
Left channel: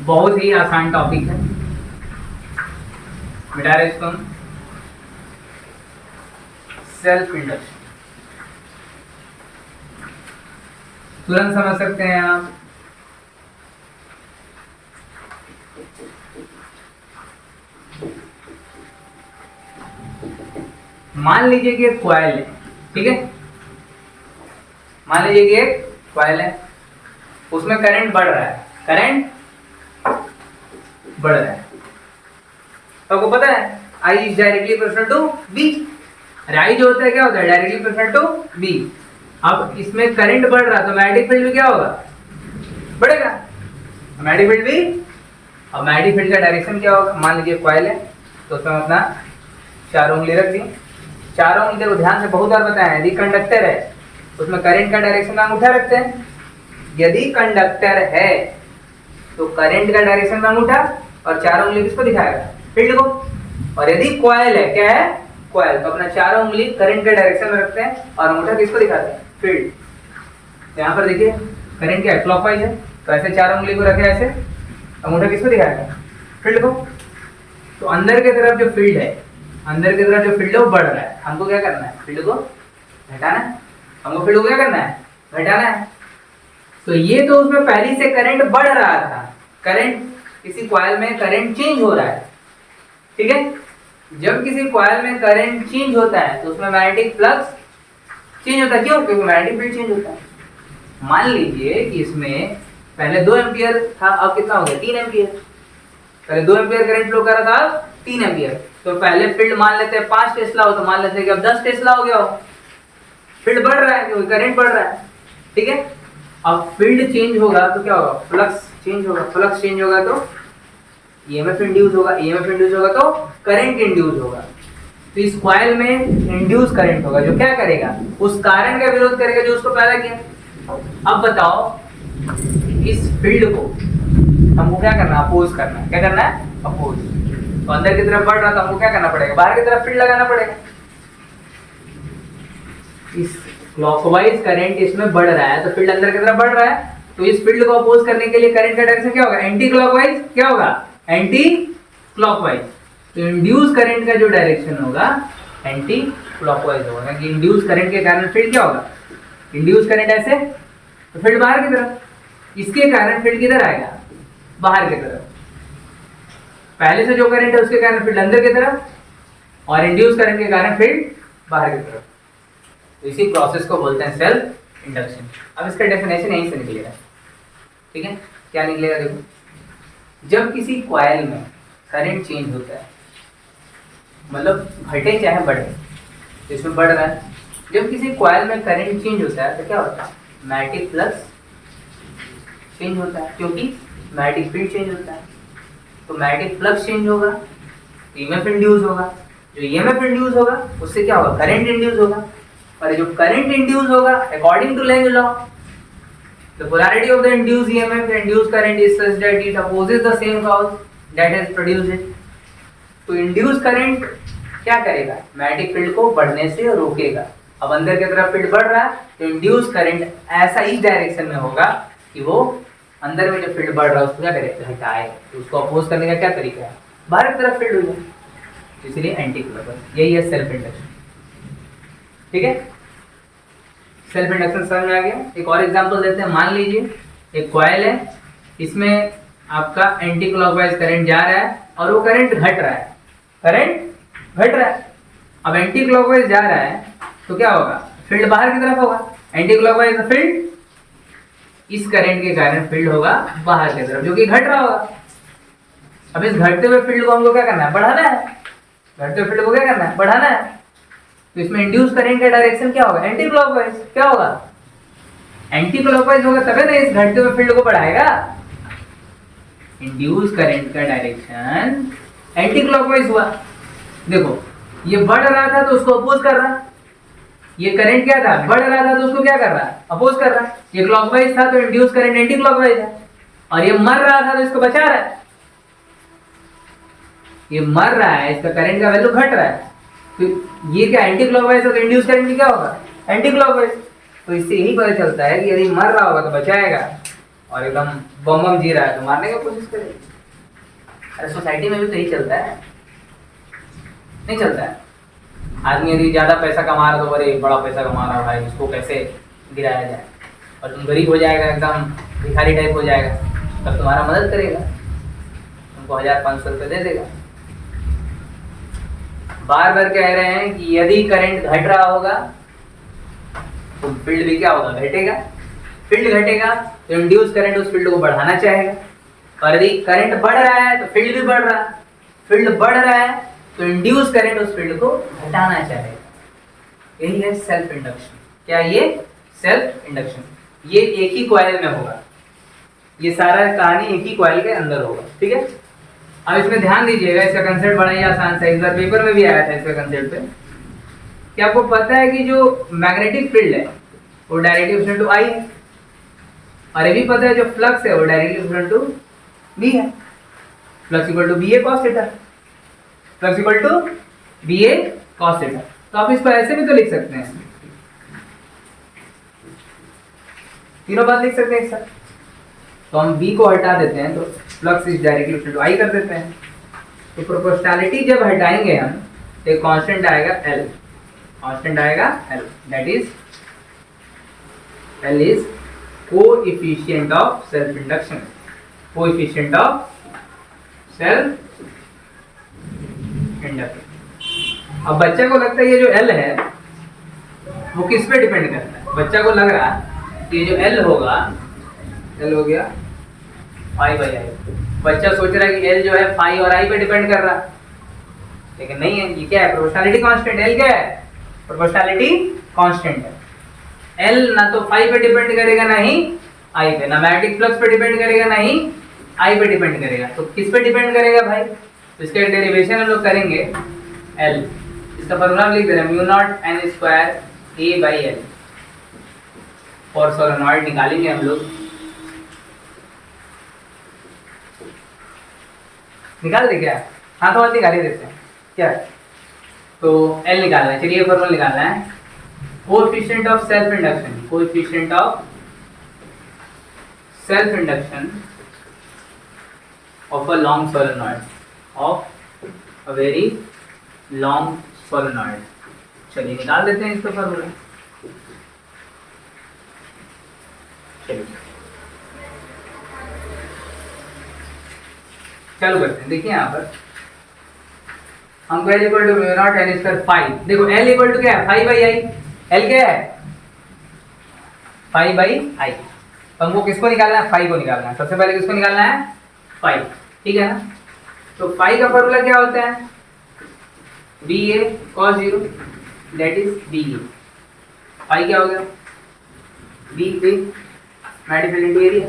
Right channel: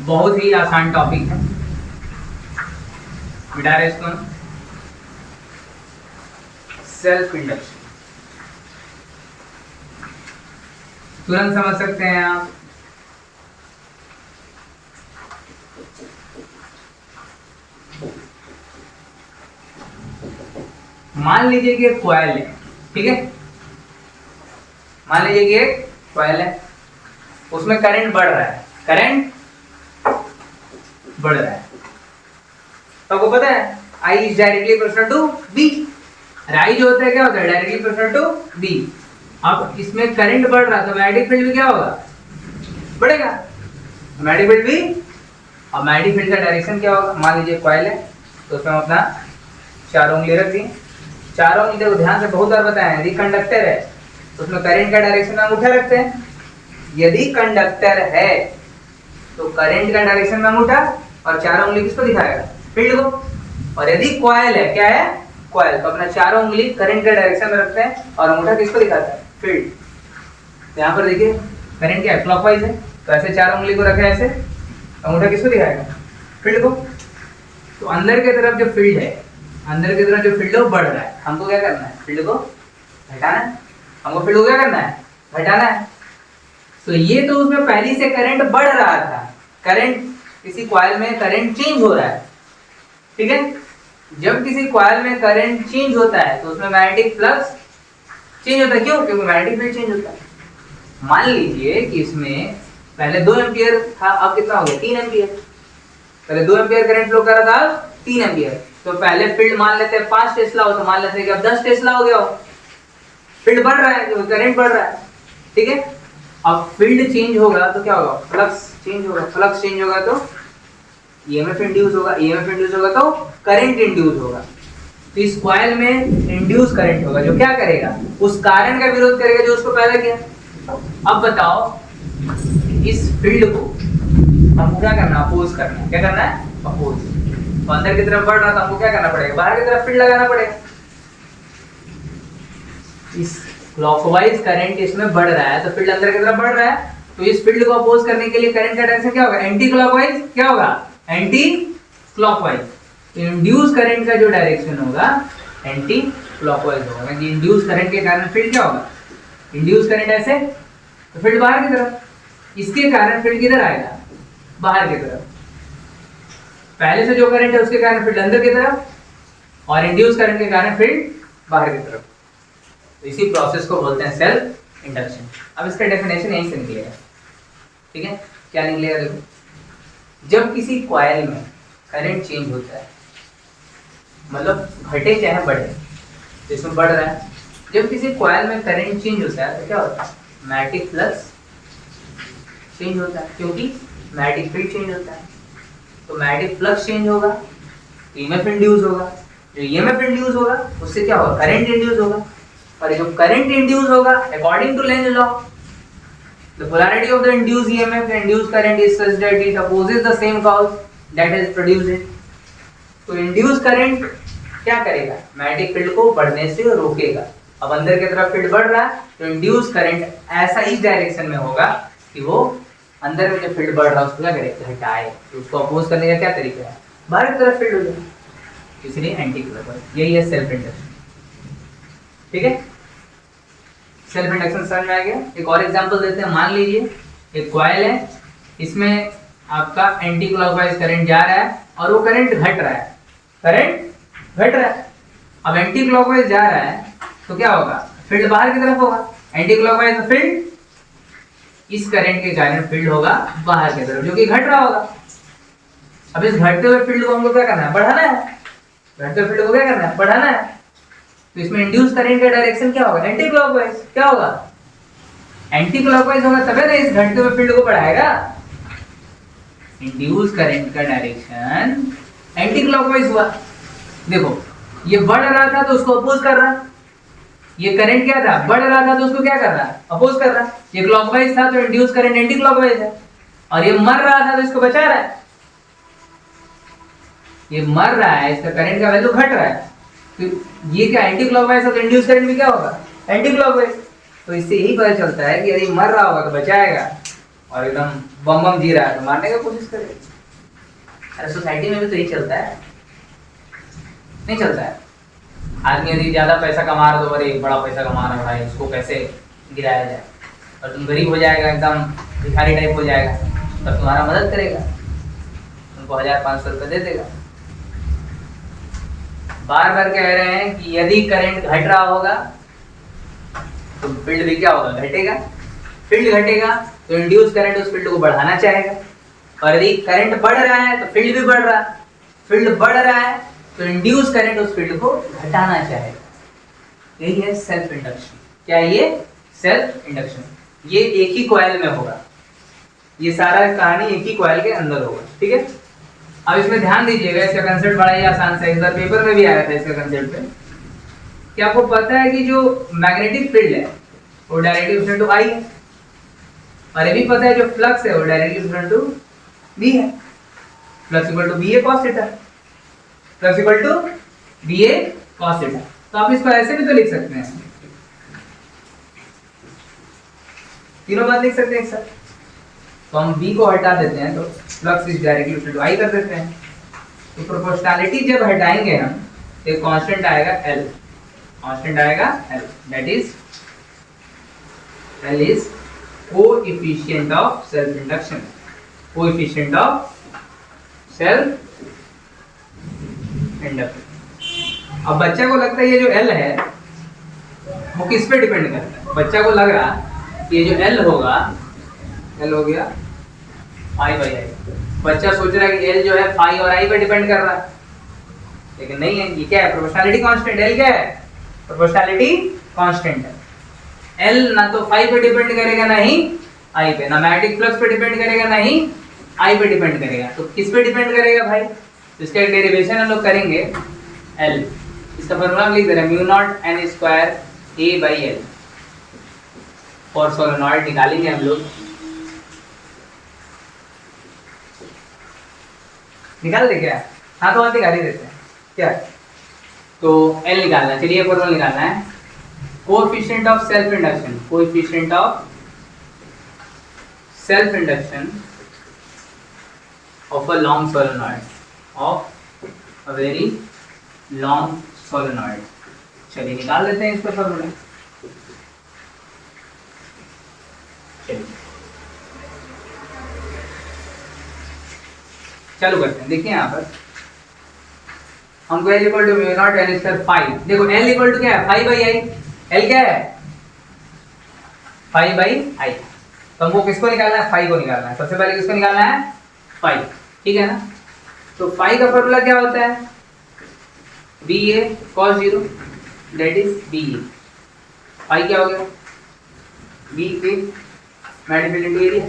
बहुत ही आसान टॉपिक है, मिटा रहे इसको। सेल्फ इंडक्शन तुरंत समझ सकते हैं आप। मान लीजिए कि एक कॉइल है, ठीक है। मान लीजिए कि एक कॉइल है, उसमें करंट बढ़ रहा है, करंट बढ़ रहा है, तो आपको पता है I is directly proportional to B। अरे I जो होता है क्या होता है, डायरेक्टली प्रोपोर्शनल टू B। अब इसमें करंट बढ़ रहा है तो मैग्नेटिक फील्ड में क्या होगा, बढ़ेगा। मैग्नेटिक फील्ड भी। अब मैग्नेटिक फील्ड का डायरेक्शन क्या होगा, मान लीजिए कॉइल है तो उसमें हम अपना 4 उंगली रख दी। 4 उंगली देखो ध्यान से बहुत बार बताया, यदि कंडक्टर है तो उसमें करंट का डायरेक्शन में अंगूठा रखते हैं। यदि कंडक्टर है तो करंट का डायरेक्शन में अंगूठा, और 4 उंगली किसको दिखाएगा, फील्ड को। और यदि कॉइल है, क्या है कॉइल, तो अपना 4 उंगली करंट के डायरेक्शन में रखते हैं और अंगूठा किसको दिखाते हैं, फील्ड। यहाँ पर देखिए करंट क्या है, क्लॉकवाइज है, तो ऐसे 4 उंगली को रखे ऐसे, अंगूठा किसको दिखाएगा, फील्ड को। तो अंदर की तरफ जो फील्ड है, अंदर की तरफ जो फील्ड है वो बढ़ रहा है, हमको क्या करना है, फील्ड को घटाना है। हमको फील्ड को क्या करना है, घटाना है। तो ये तो उसमें पहले से करंट बढ़ रहा था, करंट किसी कॉइल में करंट चेंज हो रहा है, ठीक है। जब किसी कॉइल में करंट चेंज होता है तो उसमें मैग्नेटिक फ्लक्स चेंज होता है, क्यों, क्योंकि मैग्नेटिक फील्ड चेंज होता है। मान लीजिए कि इसमें पहले 2 एम्पियर था, अब कितना हो गया, 3 एम्पियर। पहले 2 एम्पियर करंट फ्लो कर रहा था, अब 3 एम्पियर। तो पहले फील्ड मान लेते हैं 5 टेस्ला हो, तो मान लेते हैं कि अब 10 टेस्ला हो गया हो। फील्ड बढ़ रहा है क्योंकि करंट बढ़ रहा है, ठीक है। अब फील्ड चेंज होगा तो क्या होगा, फ्लक्स चेंज होगा। फ्लक्स चेंज होगा तो ईएमएफ इंड्यूस होगा, ईएमएफ इंड्यूस होगा तो करंट इंड्यूस होगा। तो इस कॉइल में इंड्यूस करंट होगा जो क्या करेगा, उस कारण का विरोध करेगा जो उसको पैदा किया। अब बताओ इस फील्ड को हमको क्या करना है, अपोज करना है। क्या करना है, अपोज। तो अंदर की तरफ बढ़ रहा था, हमको क्या करना पड़ेगा, बाहर की तरफ फील्ड लगाना पड़ेगा। इस क्लॉकवाइज करंट इसमें बढ़ रहा है तो फील्ड अंदर की तरफ बढ़ रहा है, तो इस फील्ड को अपोज करने के लिए करंट का डायरेक्शन क्या होगा, एंटी क्लॉकवाइज। क्या होगा, एंटी क्लॉकवाइज। तो इंड्यूस करंट का जो डायरेक्शन होगा एंटी क्लॉकवाइज होगा, क्योंकि इंड्यूस करंट के कारण फील्ड क्या होगा, इंड्यूस करंट ऐसे तो फील्ड बाहर की तरफ, इसके कारण फील्ड किधर आएगा, बाहर की तरफ। पहले से जो करंट है उसके कारण फील्ड अंदर की तरफ, और इंड्यूस करंट के कारण फील्ड बाहर की तरफ। तो इसी प्रोसेस को बोलते हैं सेल्फ इंडक्शन। अब इसका डेफिनेशन यहीं से निकलेगा, ठीक है। क्या निकलेगा, देखो जब किसी कॉइल में करंट चेंज होता है, मतलब घटे चाहे बढ़े, तो इसमें बढ़ रहा है। जब किसी कॉइल में करंट चेंज होता है तो क्या होता है, मैग्नेटिक फ्लक्स चेंज होता है, क्योंकि मैग्नेटिक फील्ड चेंज होता है। तो मैग्नेटिक फ्लक्स चेंज होगा, ईएमएफ इंड्यूस होगा। जो ईएमएफ इंड्यूस होगा उससे क्या होगा, करंट इंड्यूस होगा। और जो करंट इंड्यूस होगा according to Lenz law, the polarity of the induced EMF and induced current is such that it opposes the same cause that has produced it. तो induce current क्या करेगा, magnetic field को बढ़ने से रोकेगा। अब अंदर की तरफ फील्ड बढ़ रहा है तो इंड्यूस करंट ऐसा इस डायरेक्शन में होगा कि वो अंदर में जो फील्ड बढ़ रहा है उसको क्या करेगा, घटाए। तो उसको अपोज करने का क्या तरीका है, बाहर की तरफ फील्ड हो जाए, इसलिए एंटी क्लॉकवाइज। यही है सेल्फ इंडक्शन, ठीक है। सेल्फ इंडक्शन समझ में आ गया। एक और एग्जांपल देते हैं। मान लीजिए एक कॉइल है, इसमें आपका एंटी क्लॉकवाइज करंट जा रहा है और वो करंट घट रहा है, करंट घट रहा है। अब एंटी क्लॉकवाइज जा रहा है तो क्या होगा, फील्ड बाहर की तरफ होगा। एंटी क्लॉकवाइज फील्ड, इस करंट के कारण फील्ड होगा बाहर की तरफ, जो कि घट रहा होगा। अब इस घटते हुए फील्ड को हमको क्या करना है, बढ़ाना है। घटते हुए फील्ड को क्या करना है, बढ़ाना है। तो इसमें इंड्यूस करंट का डायरेक्शन क्या होगा, एंटी क्लॉकवाइज। क्या होगा, एंटी क्लॉकवाइज होगा, तभी तो इस घटते हुए फील्ड को बढ़ाएगा। इंड्यूस करंट का डायरेक्शन एंटी क्लॉकवाइज हुआ। देखो ये बढ़ रहा था तो उसको अपोज कर रहा, ये करंट क्या था, बढ़ रहा था तो उसको क्या कर रहा, अपोज कर रहा। ये क्लॉकवाइज था तो इंड्यूस करंट एंटी क्लॉकवाइज है, और ये मर रहा था तो इसको बचा रहा है। ये मर रहा है, इसका करंट का वैल्यू घट रहा है, तो ये क्या एंटी क्लॉकवाइज है, तो इंड्यूस करंट भी क्या होगा, एंटी क्लॉकवाइज। तो इससे यही पता चलता है कि यदि मर रहा होगा तो बचाएगा, और एकदम बम बम जी रहा है तो मारने की कोशिश करेगा। अरे सोसाइटी में भी तो यही चलता है, नहीं चलता है। आदमी यदि ज्यादा पैसा कमा रहा तो अरे बड़ा पैसा कमा रहा भाई, इसको कैसे गिराया जाए, और तुम गरीब हो जाएगा, एकदम भिखारी टाइप हो जाएगा, तब तुम्हारा मदद करेगा, तुमको 1500 रुपये दे देगा। बार बार कह रहे हैं कि यदि करंट घट रहा होगा तो फील्ड भी क्या होगा, घटेगा। फील्ड घटेगा तो इंड्यूस करंट उस फील्ड को बढ़ाना चाहेगा, और यदि करंट बढ़ रहा है तो फील्ड भी बढ़ रहा है। फील्ड बढ़ रहा है तो इंड्यूस करंट उस फील्ड को घटाना चाहेगा। यही है सेल्फ इंडक्शन। क्या ये सेल्फ इंडक्शन, ये एक ही कॉइल में होगा, ये सारा कहानी एक ही कॉइल के अंदर होगा, ठीक है। अब इसमें ध्यान दीजिएगा, इसका कंसेप्ट बड़ा ही आसान से, इस बार पेपर में भी आया था इसका कंसेप्ट पे, कि आपको पता है कि जो मैग्नेटिक फील्ड है वो डायरेक्टली प्रोपोर्शनल टू आई है, और ये भी पता है जो फ्लक्स है वो डायरेक्टली प्रोपोर्शनल टू बी है। Flux equal to B A cos theta, flux equal to B A cos theta. तो आप इसको ऐसे भी तो लिख सकते हैं, तीनों बात लिख सकते हैं एक साथ। तो हम b को हटा देते हैं तो flux is directly equal to I कर देते हैं। तो प्रोपोर्शनैलिटी जब हटाएंगे हम तो कांस्टेंट आएगा l, कांस्टेंट आएगा l, that is l is coefficient of self induction, coefficient of self induction. अब बच्चे को लगता है ये जो l है वो किस पे डिपेंड करता है, बच्चा को लग रहा कि ये जो l होगा, l हो गया फाई बाई आई, बच्चा सोच रहा है कि l जो है फाई और आई पे डिपेंड कर रहा, लेकिन नहीं है। ये क्या है, प्रोपोर्शनैलिटी कांस्टेंट। l क्या है, प्रोपोर्शनैलिटी कांस्टेंट है। l ना तो फाई पे डिपेंड करेगा ना ही आई पे, ना मैग्नेटिक फ्लक्स पे डिपेंड करेगा ना ही आई पे डिपेंड करेगा। तो किस पे डिपेंड करेगा भाई, तो इसका एक डेरिवेशन हम लोग करेंगे l, इसका फॉर्मूला हम लिख दे रहे हैं mu nought n square a by l, और सोलेनॉइड निकालेंगे हम लोग, निकाल दे क्या, हाँ तो निकाल ही देते हैं क्या। तो L निकालना है, चलिए फॉर्मूला निकालना है, coefficient of self induction, coefficient of self induction of a long solenoid, of a very long solenoid. चलिए निकाल देते हैं इसका फॉर्मूला, चलिए चालू करते हैं। देखिए यहाँ पर हमको L equal to mu nought n square phi, देखो L इक्वल टू क्या है, फाई बाई आई, L क्या है, फाई बाई आई। तो हमको किसको निकालना है, फाई को निकालना है, सबसे पहले किसको निकालना है, फाई, ठीक है ना। तो फाई का फॉर्मूला क्या होता है, B A cos zero, that is B A. Phi क्या हो गया, B A magnetic field into area.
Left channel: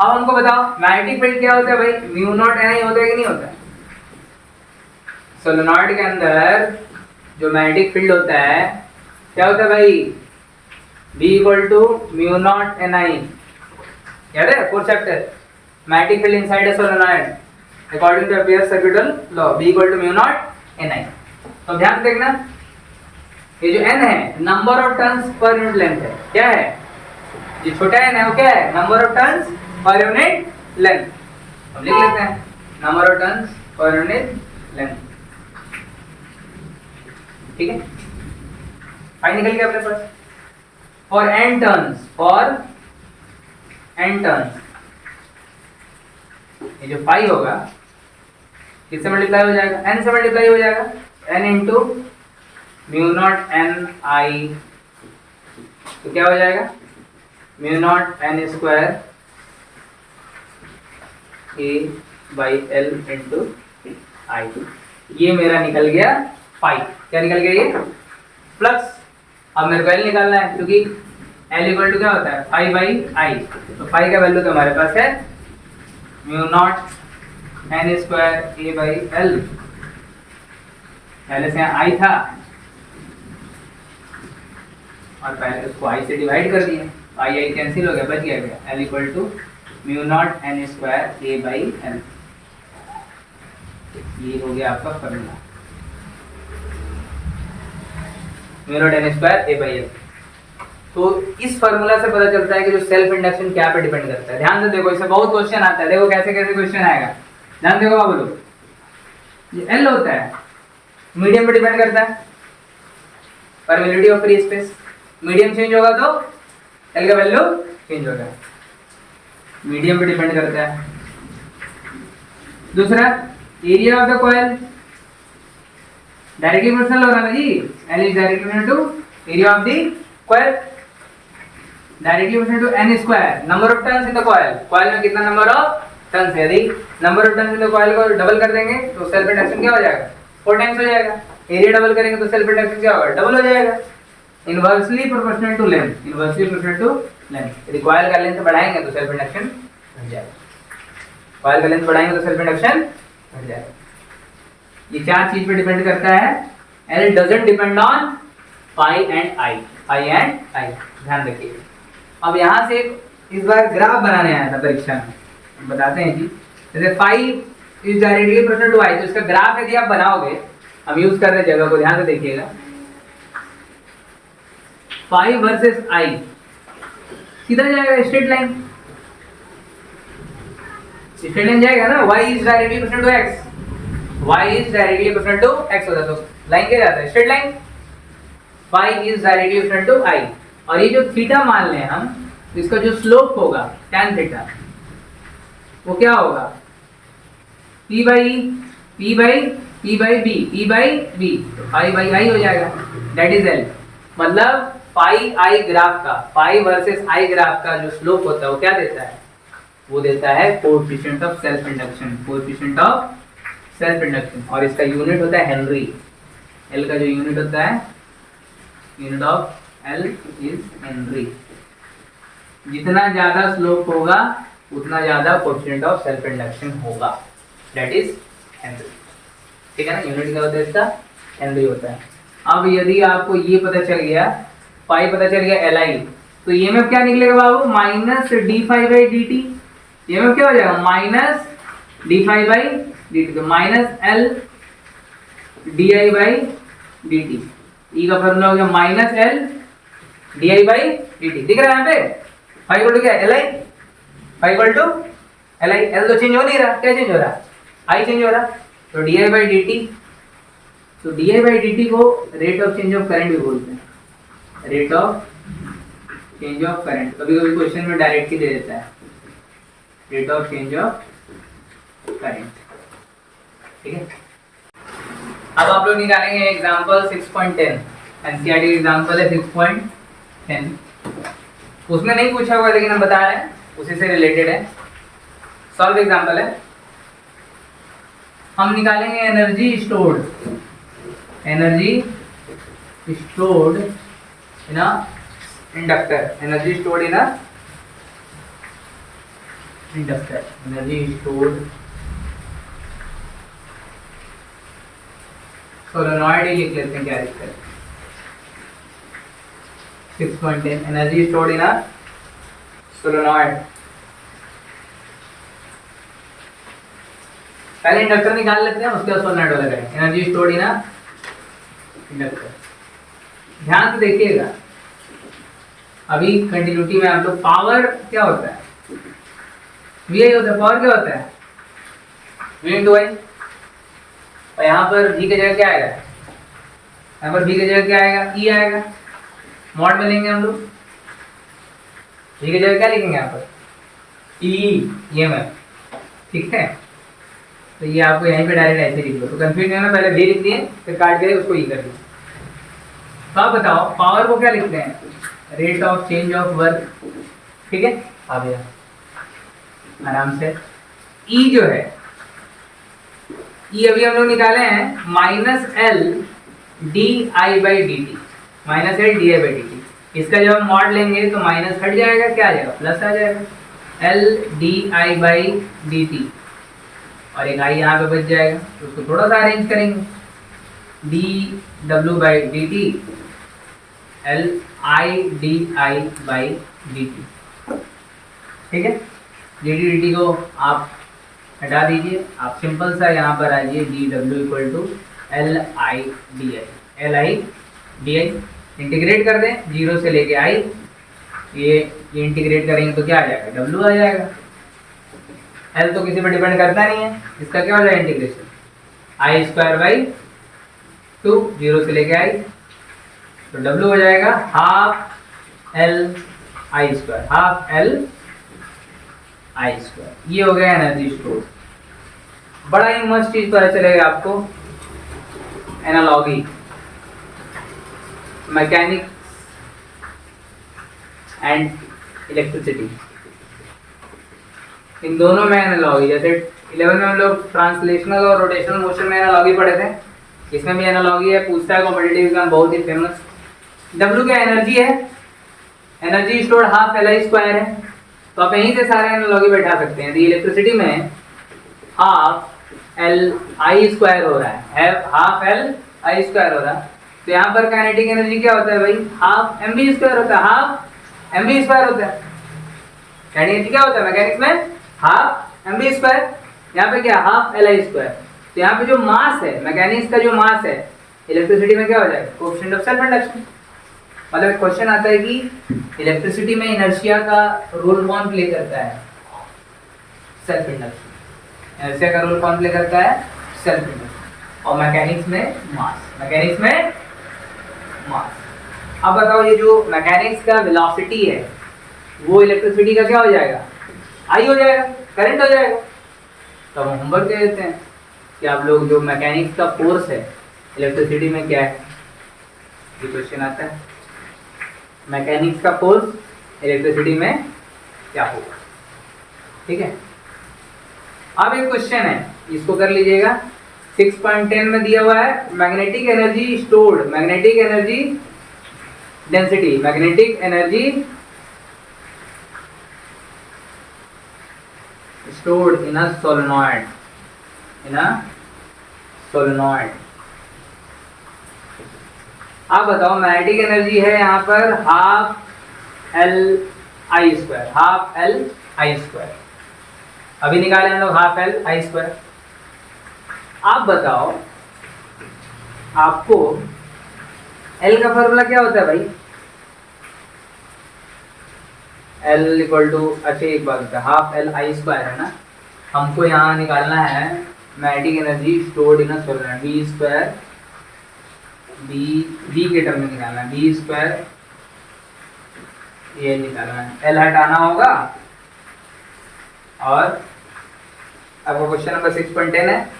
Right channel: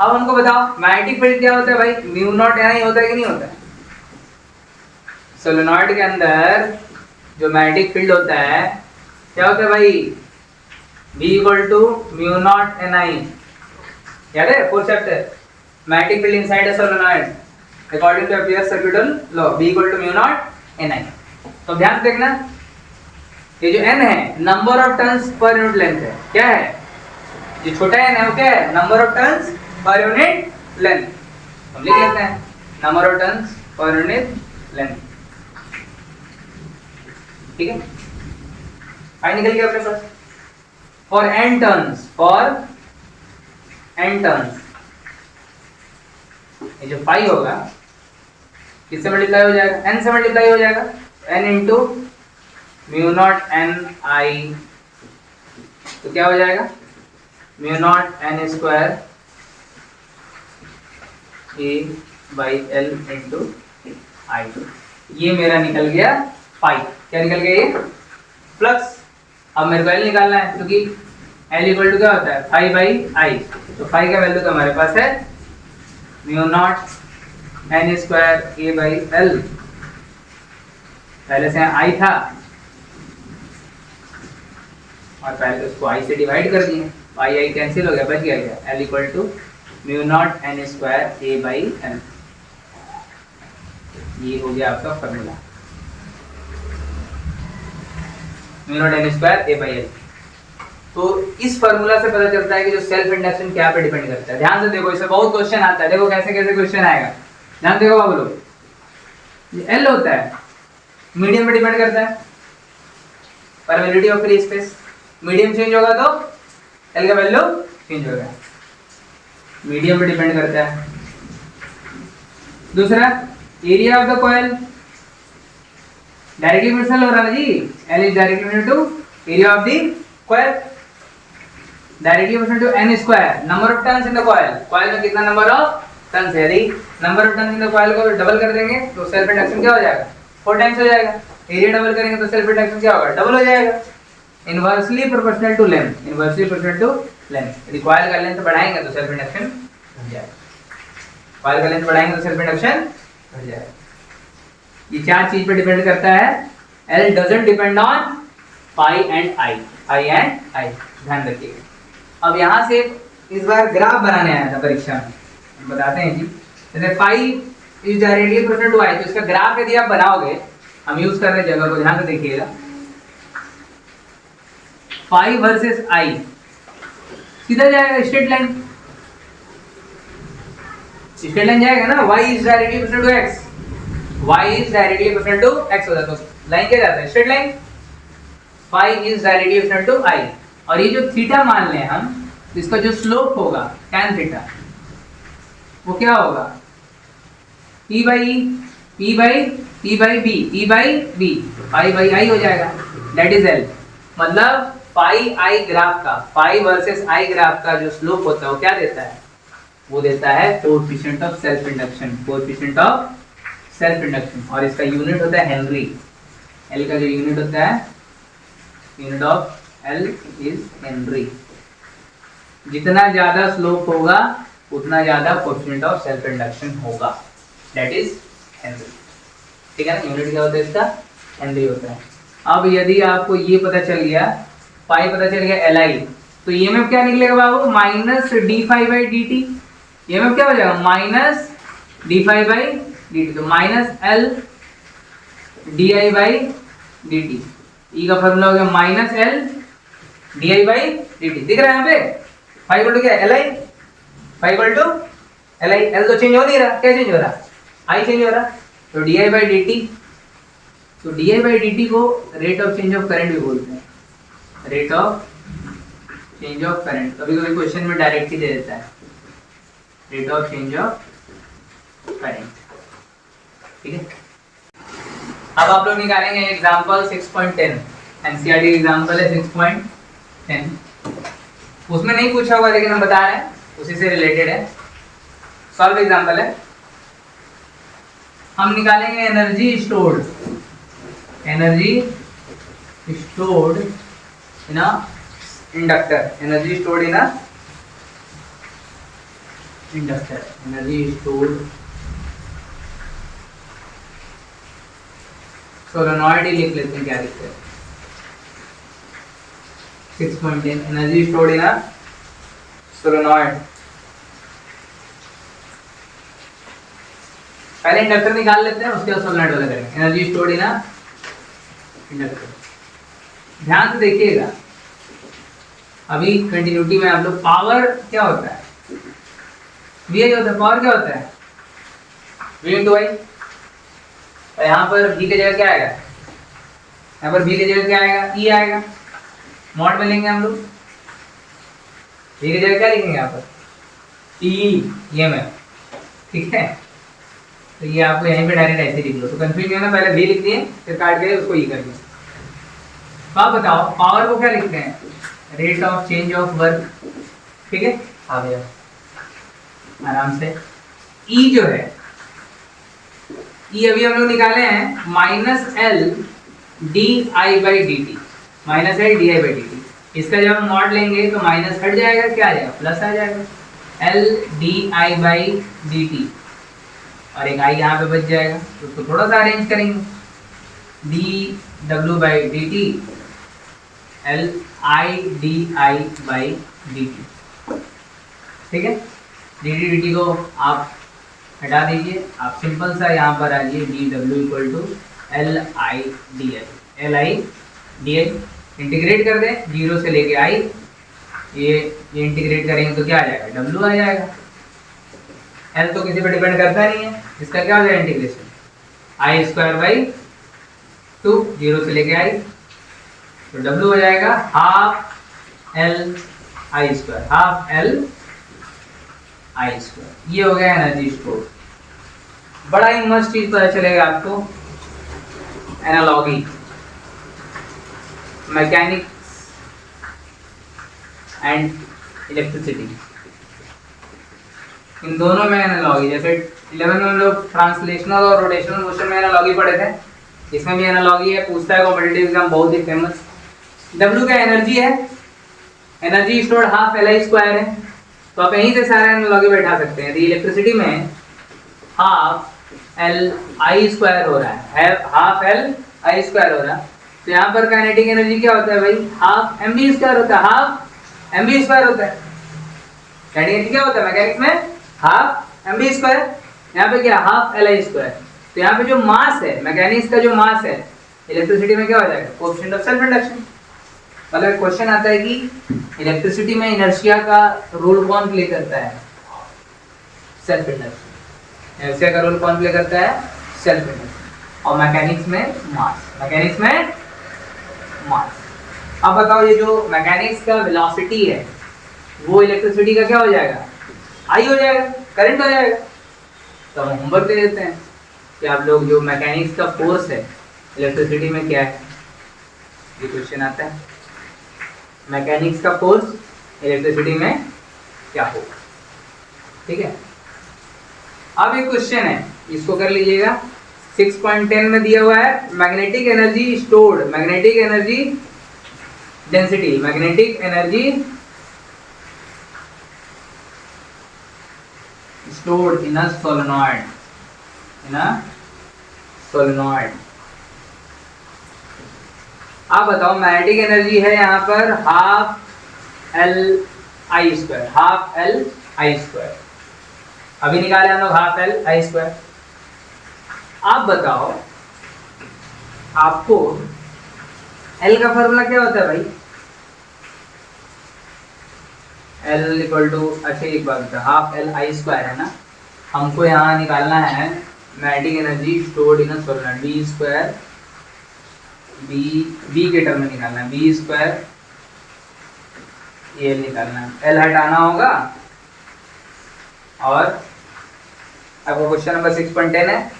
अब हमको बताओ मैग्नेटिक फील्ड क्या होता है भाई, म्यू नॉट एन आई होता है कि नहीं होता है। सोलेनॉइड के अंदर जो मैग्नेटिक फील्ड होता है क्या होता है भाई, B equal to mu not N I, याद है fourth chapter, magnetic field inside a solenoid according to Ampere's circuital law, B equal to mu not N I. तो ध्यान से देखना, ये जो n है number of turns per unit length है, क्या है, जो छोटा n है वो क्या है, number of turns per unit length. हम लिख लेते हैं number of turns per unit length, ठीक है। फाई निकल गया अपने पास, और n turns, for n turns, ये जो फाई होगा किससे मल्टीप्लाई हो जाएगा, n से मल्टीप्लाई हो जाएगा, n into mu not N I, तो क्या हो जाएगा, mu not N square A by L into I. ये मेरा निकल गया फाई, क्या निकल गया ये, फ्लक्स। अब मेरे को एल निकालना है, क्योंकि एल इक्वल टू क्या होता है, फाई बाई आई। तो फाई का वैल्यू तो हमारे पास है mu naught N square A by L, पहले से आई था और पहले उसको आई से डिवाइड कर दिए, आई आई कैंसिल हो गया, बच गया क्या, L equal to mu not N square A by L. ये हो गया आपका formula, mu not N square A by L. तो इस फॉर्मूला से पता चलता है कि जो सेल्फ इंडक्शन क्या पे डिपेंड करता है। ध्यान से देखो, इसमें बहुत क्वेश्चन आता है, देखो कैसे कैसे क्वेश्चन आएगा, ध्यान देखो बाबू लोग। ये एल होता है मीडियम पे डिपेंड करता है, permeability of free space, medium change होगा तो एल का वैल्यू चेंज होगा, मीडियम पे डिपेंड करता है। दूसरा area of the coil, directly proportional हो रहा है जी, L is directly proportional to area of the coil, directly proportional to N square, number of turns in the coil, coil में कितना नंबर ऑफ टर्न्स है, यदि number of turns in the coil को double कर देंगे तो self induction क्या हो जाएगा, 4 टाइम्स हो जाएगा। एरिया डबल करेंगे तो सेल्फ इंडक्शन क्या होगा, डबल हो जाएगा। Inversely proportional to length, inversely proportional to length, यदि कॉइल का लेंथ बढ़ाएंगे तो सेल्फ इंडक्शन घट जाएगा। कॉइल का लेंथ बढ़ाएंगे तो सेल्फ इंडक्शन घट जाएगा। ये चार चीज पे डिपेंड करता है। L doesn't depend on phi and I, ध्यान रखिएगा। अब यहाँ से इस बार ग्राफ बनाने आया था परीक्षा में, बताते हैं जी। जैसे phi is directly proportional to I, तो इसका ग्राफ यदि आप बनाओगे, हम यूज कर रहे जगह को ध्यान से देखिएगा। फाई वर्सेस आई सीधा जाएगा स्ट्रेट लाइन, स्ट्रेट लाइन जाएगा ना। y is directly proportional to x, y is directly proportional to x हो जाता है, तो लाइन क्या जाता है straight line. Phi is directly proportional to i, और ये जो थीटा मान लें हम, इसका जो स्लोप होगा tan थीटा, वो क्या होगा p by b, phi by I हो जाएगा, दैट इज l। मतलब फाई आई ग्राफ का, फाई वर्सेस आई ग्राफ का जो स्लोप होता है वो क्या देता है, वो देता है coefficient of self induction, coefficient of self induction. और इसका यूनिट होता है हेनरी। एल का जो यूनिट होता है, unit of L is Henry. जितना ज्यादा स्लोप होगा उतना ज्यादा कोएफिशिएंट ऑफ सेल्फ इंडक्शन होगा, दैट इज हेनरी। ठीक है ना, यूनिट क्या होता है इसका, हेनरी होता है। अब यदि आपको ये पता चल गया, फाई पता चल गया एल आई, तो ये में क्या निकलेगा बाबू, minus D phi by D T. ये में क्या हो जाएगा, minus D phi by D T, तो minus L D I by D T. E का फॉर्मूला हो गया minus L D I by D T. दिख रहा है यहाँ पे, फाई इक्वल टू क्या, L I, phi equal to L I. L तो चेंज हो नहीं रहा, क्या चेंज हो रहा, आई चेंज हो रहा, तो D I by D T. तो D I by D T को rate of change of current भी बोलते हैं, rate of change of current. कभी कभी क्वेश्चन में डायरेक्ट ही दे देता है, rate of change of current. ठीक है, अब आप लोग निकालेंगे एग्जांपल 6.10, एनसीईआरटी एग्जांपल है 6.10। उसमें नहीं पूछा होगा लेकिन हम बता रहे हैं, उसी से रिलेटेड है। सॉल्व एग्जांपल है, हम निकालेंगे energy stored, energy stored in a inductor, energy stored in a inductor, energy stored solenoid ही लिख लेते हैं, क्या लिखते हैं 6.10, energy stored in a solenoid. पहले इंडक्टर निकाल लेते हैं, उसके बाद सोलेनॉइड वाला करेंगे। Energy stored in a inductor, ध्यान से देखिएगा। अभी कंटिन्यूटी में आप लोग, पावर क्या होता है, वी होता है, पावर क्या होता है, वी इंटू आई। और यहाँ पर v की जगह क्या आएगा, यहाँ पर v की जगह क्या आएगा, e आएगा। मॉड में लेंगे हम लोग, v की जगह क्या लिखेंगे यहाँ पर, e ये में, ठीक है। तो ये आपको यहीं पे डायरेक्ट ऐसे लिख लो, तो कंफ्यूज नहीं होना, पहले v लिख दिए फिर काट के उसको e कर दिया। तो आप बताओ पावर को क्या लिखते हैं, rate of change of work. ठीक है, आ गया आराम से। e जो है, ये अभी हम लोग निकाले हैं minus L D I by D T, minus L D I by D T. इसका जब हम मॉड लेंगे तो माइनस हट जाएगा, क्या आ जाएगा, प्लस आ जाएगा, L D I by D t, और एक आई यहाँ पे बच जाएगा। तो उसको थोड़ा सा अरेंज करेंगे, D W by D T, L I D I by D T. ठीक है, डी टी डी टी को आप हटा दीजिए, आप सिंपल सा यहाँ पर आइए, D W equal to L I D I, L I D I integrate कर दें, जीरो से लेके आई, ये इंटीग्रेट करेंगे तो क्या आ जाएगा, डब्ल्यू आ जाएगा। एल तो किसी पर डिपेंड करता नहीं है, इसका क्या हो जाएगा integration, I square by two, zero से लेके आई, तो डब्ल्यू हो जाएगा half L I square, half L I square. ये हो गया एनर्जी स्टोर। बड़ा ही मस्त चीज पता चलेगा आपको, एनालॉगी, मैकेनिक्स एंड इलेक्ट्रिसिटी, इन दोनों में एनालॉगी। जैसे 11 में हम लोग ट्रांसलेशनल और रोटेशनल मोशन में एनालॉगी पढ़े थे, इसमें भी एनालॉगी है, पूछता है कॉम्पिटिटिव एग्जाम, बहुत ही फेमस। W का एनर्जी है, energy stored half L I square है, तो आप यहीं से सारे एनालॉजी बैठा सकते हैं। इलेक्ट्रिसिटी में हाफ एल आई स्क्वायर हो रहा है, हाफ एल आई स्क्वायर हो रहा है। तो यहाँ पर काइनेटिक एनर्जी क्या होता है भाई, हाफ एम बी स्क्वायर होता है, हाफ एम बी स्क्वायर होता है। काइनेटिक क्या होता है मैकेनिक्स में, हाफ एम बी स्क्वायर, यहाँ पे क्या हाफ एल आई स्क्वायर। तो यहाँ पे जो मास है मैकेनिक्स का, जो मास है इलेक्ट्रिसिटी में क्या हो जाएगा, कोएफिशिएंट ऑफ सेल्फ इंडक्शन। मतलब क्वेश्चन आता है कि इलेक्ट्रिसिटी में इनर्शिया का रोल कौन प्ले करता है, सेल्फ इंडक्शन। इनर्शिया का रोल कौन प्ले करता है, सेल्फ इंडक्शन। और मैकेनिक्स में मास, मैकेनिक्स में मास। अब बताओ ये जो मैकेनिक्स का वेलोसिटी है वो इलेक्ट्रिसिटी का क्या हो जाएगा, आई हो जाएगा, करंट हो जाएगा। तो हम होमवर्क दे देते हैं कि आप लोग जो मैकेनिक्स का फोर्स है इलेक्ट्रिसिटी में क्या है, ये क्वेश्चन आता है। मैकेनिक्स का फोर्स इलेक्ट्रिसिटी में क्या होगा, ठीक है। अब एक क्वेश्चन है, इसको कर लीजिएगा। 6.10 में दिया हुआ है magnetic energy stored, magnetic energy density, magnetic energy stored in a solenoid, in a solenoid। आप बताओ मैग्नेटिक एनर्जी है यहाँ पर half L I square, half L I square. अभी निकाले हम लोग हाफ एल आई स्क्वायर। आप बताओ आपको एल का फॉर्मूला क्या होता है भाई, एल इक्वल टू, अच्छा एक बात होता है, हाफ एल आई स्क्वायर है ना। हमको यहाँ निकालना है magnetic energy stored in a solenoid, B square, B के टर्म में निकालना है, बी स्क्वायर ये निकालना है, एल हटाना होगा। और आपको क्वेश्चन नंबर 6.10 है,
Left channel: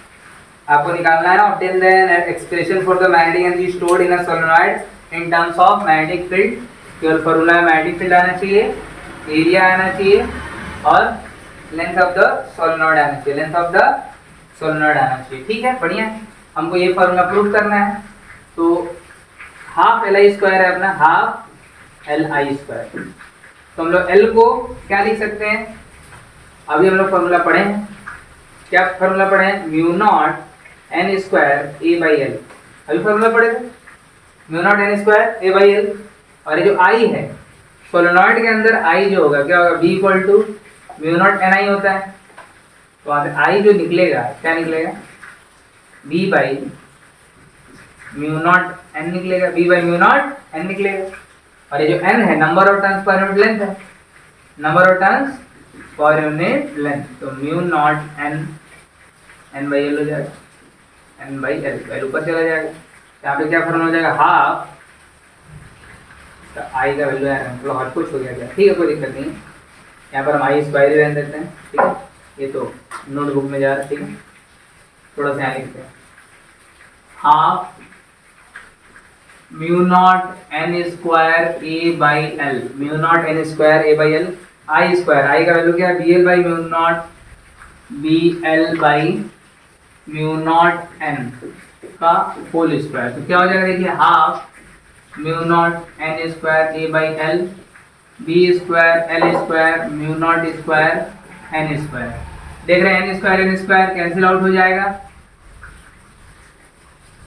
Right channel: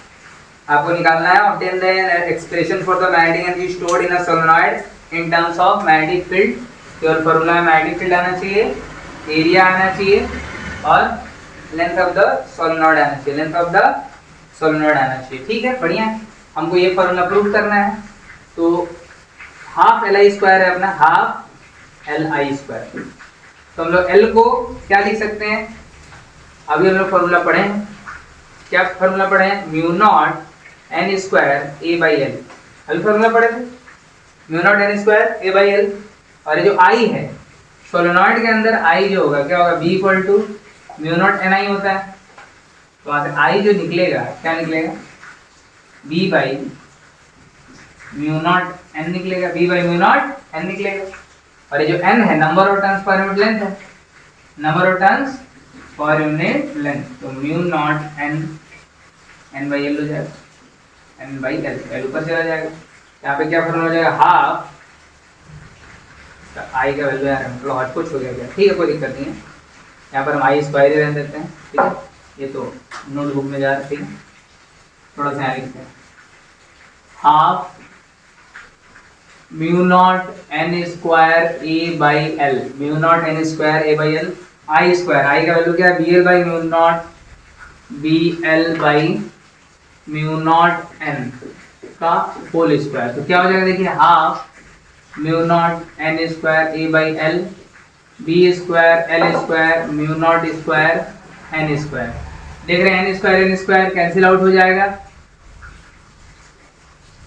आपको निकालना है obtain the expression for the magnetic energy stored in a solenoid in terms of magnetic field. केवल फॉर्मूला है मैग्नेटिक फील्ड आना चाहिए, एरिया आना चाहिए और लेंथ ऑफ द सोलेनॉइड आना चाहिए, लेंथ ऑफ द सोलेनॉइड आना चाहिए, ठीक है, बढ़िया। हमको ये फॉर्मूला प्रूव करना है। तो हाफ एल आई स्क्वायर है अपना, हाफ एल आई स्क्वायर। तो हम लोग एल को क्या लिख सकते हैं, अभी हम लोग फॉर्मूला पढ़े हैं, क्या फॉर्मूला पढ़े हैं, mu naught N square A by L. अभी फॉर्मूला पढ़े थे mu naught N square A by L. और ये जो आई है सोलेनॉइड के अंदर, आई जो होगा क्या होगा, B equal to mu not N I होता है। तो वहां से आई जो निकलेगा क्या निकलेगा, B by mu not N निकलेगा, B by mu not N निकलेगा। और ये जो एन है number of turns per unit length है, number of turns per unit length. तो mu not N, N by L हो जाएगा, एन बाई एल, एल ऊपर चला जाएगा। यहाँ पे क्या फॉर्मूला हो जाएगा, हाफ आई का वैल्यू यार मतलब हर कुछ हो जाएगा, ठीक है, कोई दिक्कत नहीं है। यहाँ पर हम आई स्क्वायर रहने देते हैं, ठीक है, ये तो नोटबुक में जा रहा है, ठीक है। थोड़ा सा यहाँ लिखते हैं, half mu not N square A by L, mu not N square A by L, I square, I का वैल्यू क्या है, B L by mu naught B L by mu not N का होल स्क्वायर। तो क्या हो जाएगा देखिए, half mu not N square A by L, B square L square mu naught square N square. देख रहे हैं एन स्क्वायर कैंसिल आउट हो जाएगा,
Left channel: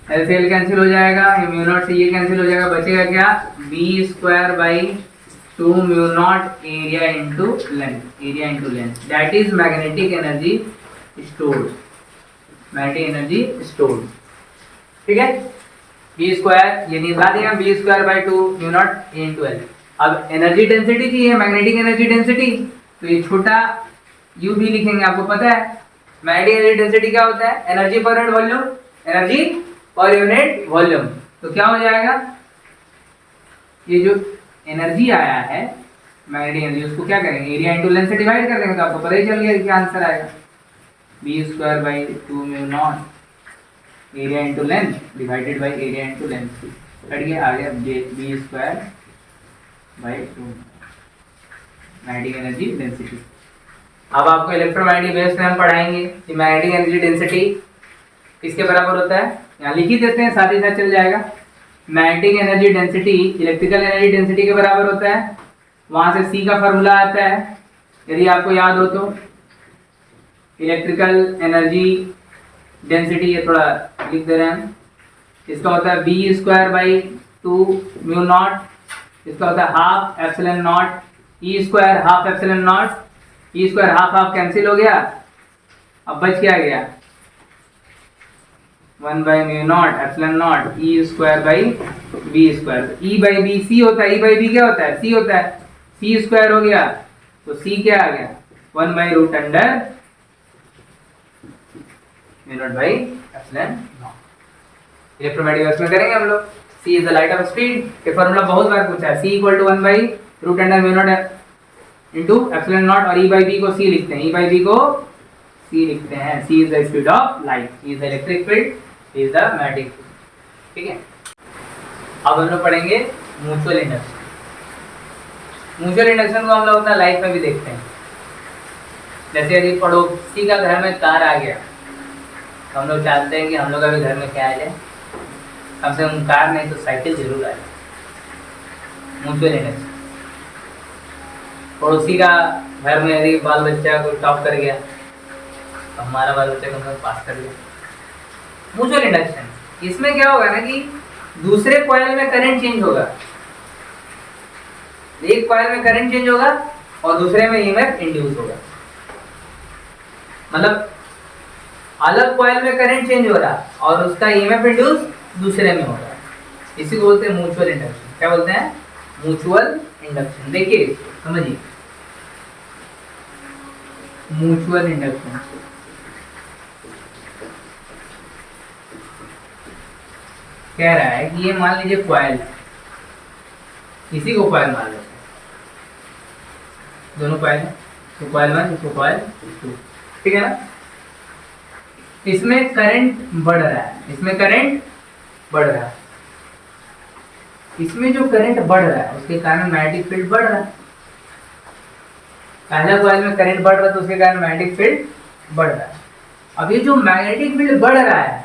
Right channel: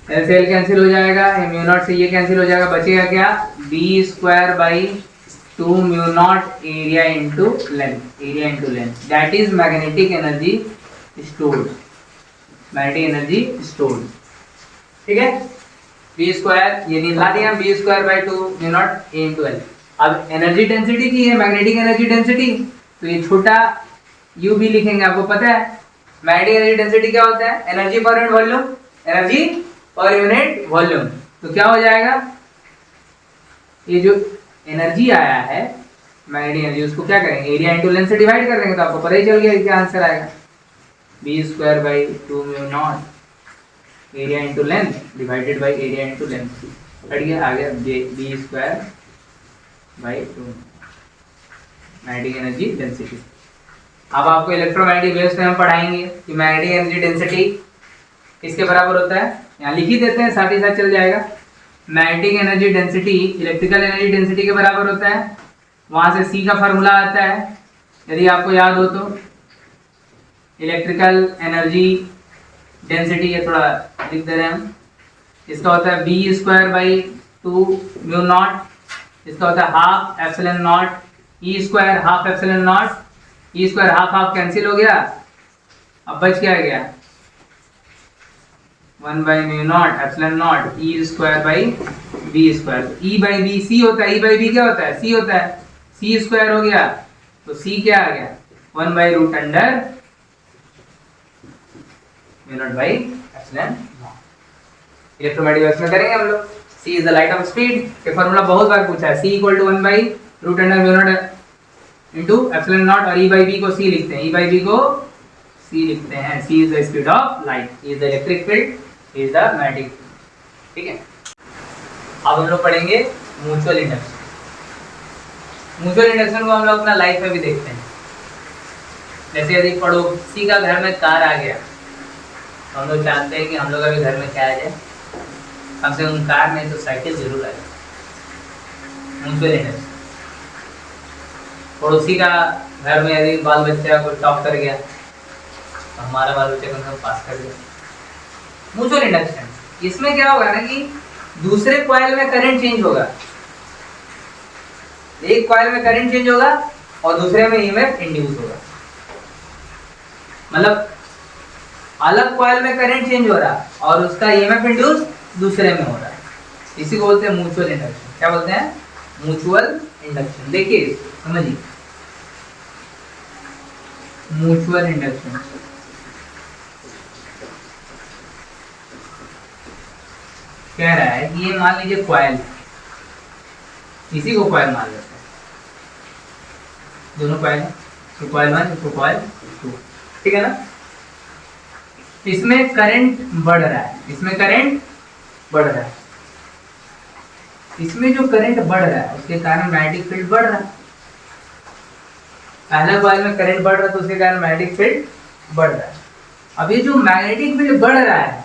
एल से एल कैंसिल हो जाएगा, म्यू नॉट से ये कैंसिल हो जाएगा, बचेगा क्या, B square by 2 mu nought area into length, area into length, that is magnetic energy stored, magnetic energy stored, ठीक है। बी स्क्वायर ये निकाला दिया, B square by 2 mu nought A into L. अब एनर्जी डेंसिटी की है magnetic energy density, तो ये छोटा यू भी लिखेंगे, आपको पता है मैग्नेटिक एनर्जी डेंसिटी क्या होता है, energy per unit volume, energy per unit volume. तो क्या हो जाएगा, ये जो एनर्जी आया है मैग्नेटिक एनर्जी, उसको क्या करेंगे, एरिया इंटू लेंथ से डिवाइड कर देंगे, तो आपको पता ही चल गया क्या आंसर आएगा, B square by 2 mu nought area into length divided by area into length, हट गया, आ गया B square by 2 magnetic energy density. अब आपको इलेक्ट्रोमैग्नेटिक वेव्स में हम पढ़ाएंगे कि मैग्नेटिक एनर्जी डेंसिटी किसके बराबर होता है, यहाँ लिख ही देते हैं, साथ ही साथ चल जाएगा। Magnetic energy density electrical energy density के बराबर होता है, वहां से सी का फॉर्मूला आता है, यदि आपको याद हो तो इलेक्ट्रिकल एनर्जी डेंसिटी, ये थोड़ा लिख दे रहे हैं हम, इसका होता है B square by 2 mu nought, इसका होता है half epsilon nought E square, half epsilon nought E square, half half cancel हो गया, अब बच क्या गया 1 by mu nought epsilon nought E square by B square, E by B C होता है, ई बाई बी क्या होता है सी होता है, सी स्क्वायर हो गया, तो सी क्या आ गया 1 by root under mu nought by epsilon nought. Electromagnetic में करेंगे हम लोग, c is the light of speed, ये फार्मूला बहुत बार पूछा है, c equal to 1 by root under mu nought into epsilon nought, और e बाई b को c लिखते हैं, e बाई b को c लिखते हैं, c is the speed of light, e is the electric field, e is the magnetic field. ठीक है, अब हम लोग पढ़ेंगे म्यूचुअल इंडक्शन। म्यूचुअल इंडक्शन को हम लोग अपना लाइफ में भी देखते हैं, जैसे यदि पड़ोसी का घर में कार आ गया तो हम लोग चाहते हैं कि हम लोग का भी घर में क्या आ जाए, कम से कम कार नहीं तो साइकिल जरूर आ जाए। म्यूचुअल इंडक्शन, पड़ोसी का घर में यदि बाल बच्चा को टॉप कर गया तो हमारा बाल बच्चा कम से कम पास कर गया। म्यूचुअल इंडक्शन, इसमें क्या होगा ना कि दूसरे कॉइल में करंट चेंज होगा, एक कॉइल में करंट चेंज होगा और दूसरे में ईएमएफ इंड्यूस होगा, मतलब अलग कॉइल में करंट चेंज हो रहा और उसका ईएमएफ इंड्यूस दूसरे में हो रहा है, इसी को बोलते हैं म्यूचुअल इंडक्शन। क्या बोलते हैं म्यूचुअल इंडक्शन। देखिए समझिए, म्यूचुअल इंडक्शन कह रहा है कि ये मान लीजिए कॉइल, इसी को कॉइल मान लेते हैं, दोनों कॉइल हैं, तो कॉइल 1 तो कॉइल 2, ठीक है ना। इसमें करंट बढ़ रहा है, इसमें करंट बढ़ रहा है, इसमें जो करंट बढ़ रहा है उसके कारण मैग्नेटिक फील्ड बढ़ रहा है। पहला कॉइल में करंट बढ़ रहा है तो उसके कारण मैग्नेटिक फील्ड बढ़ रहा है। अब ये जो मैग्नेटिक फील्ड बढ़ रहा है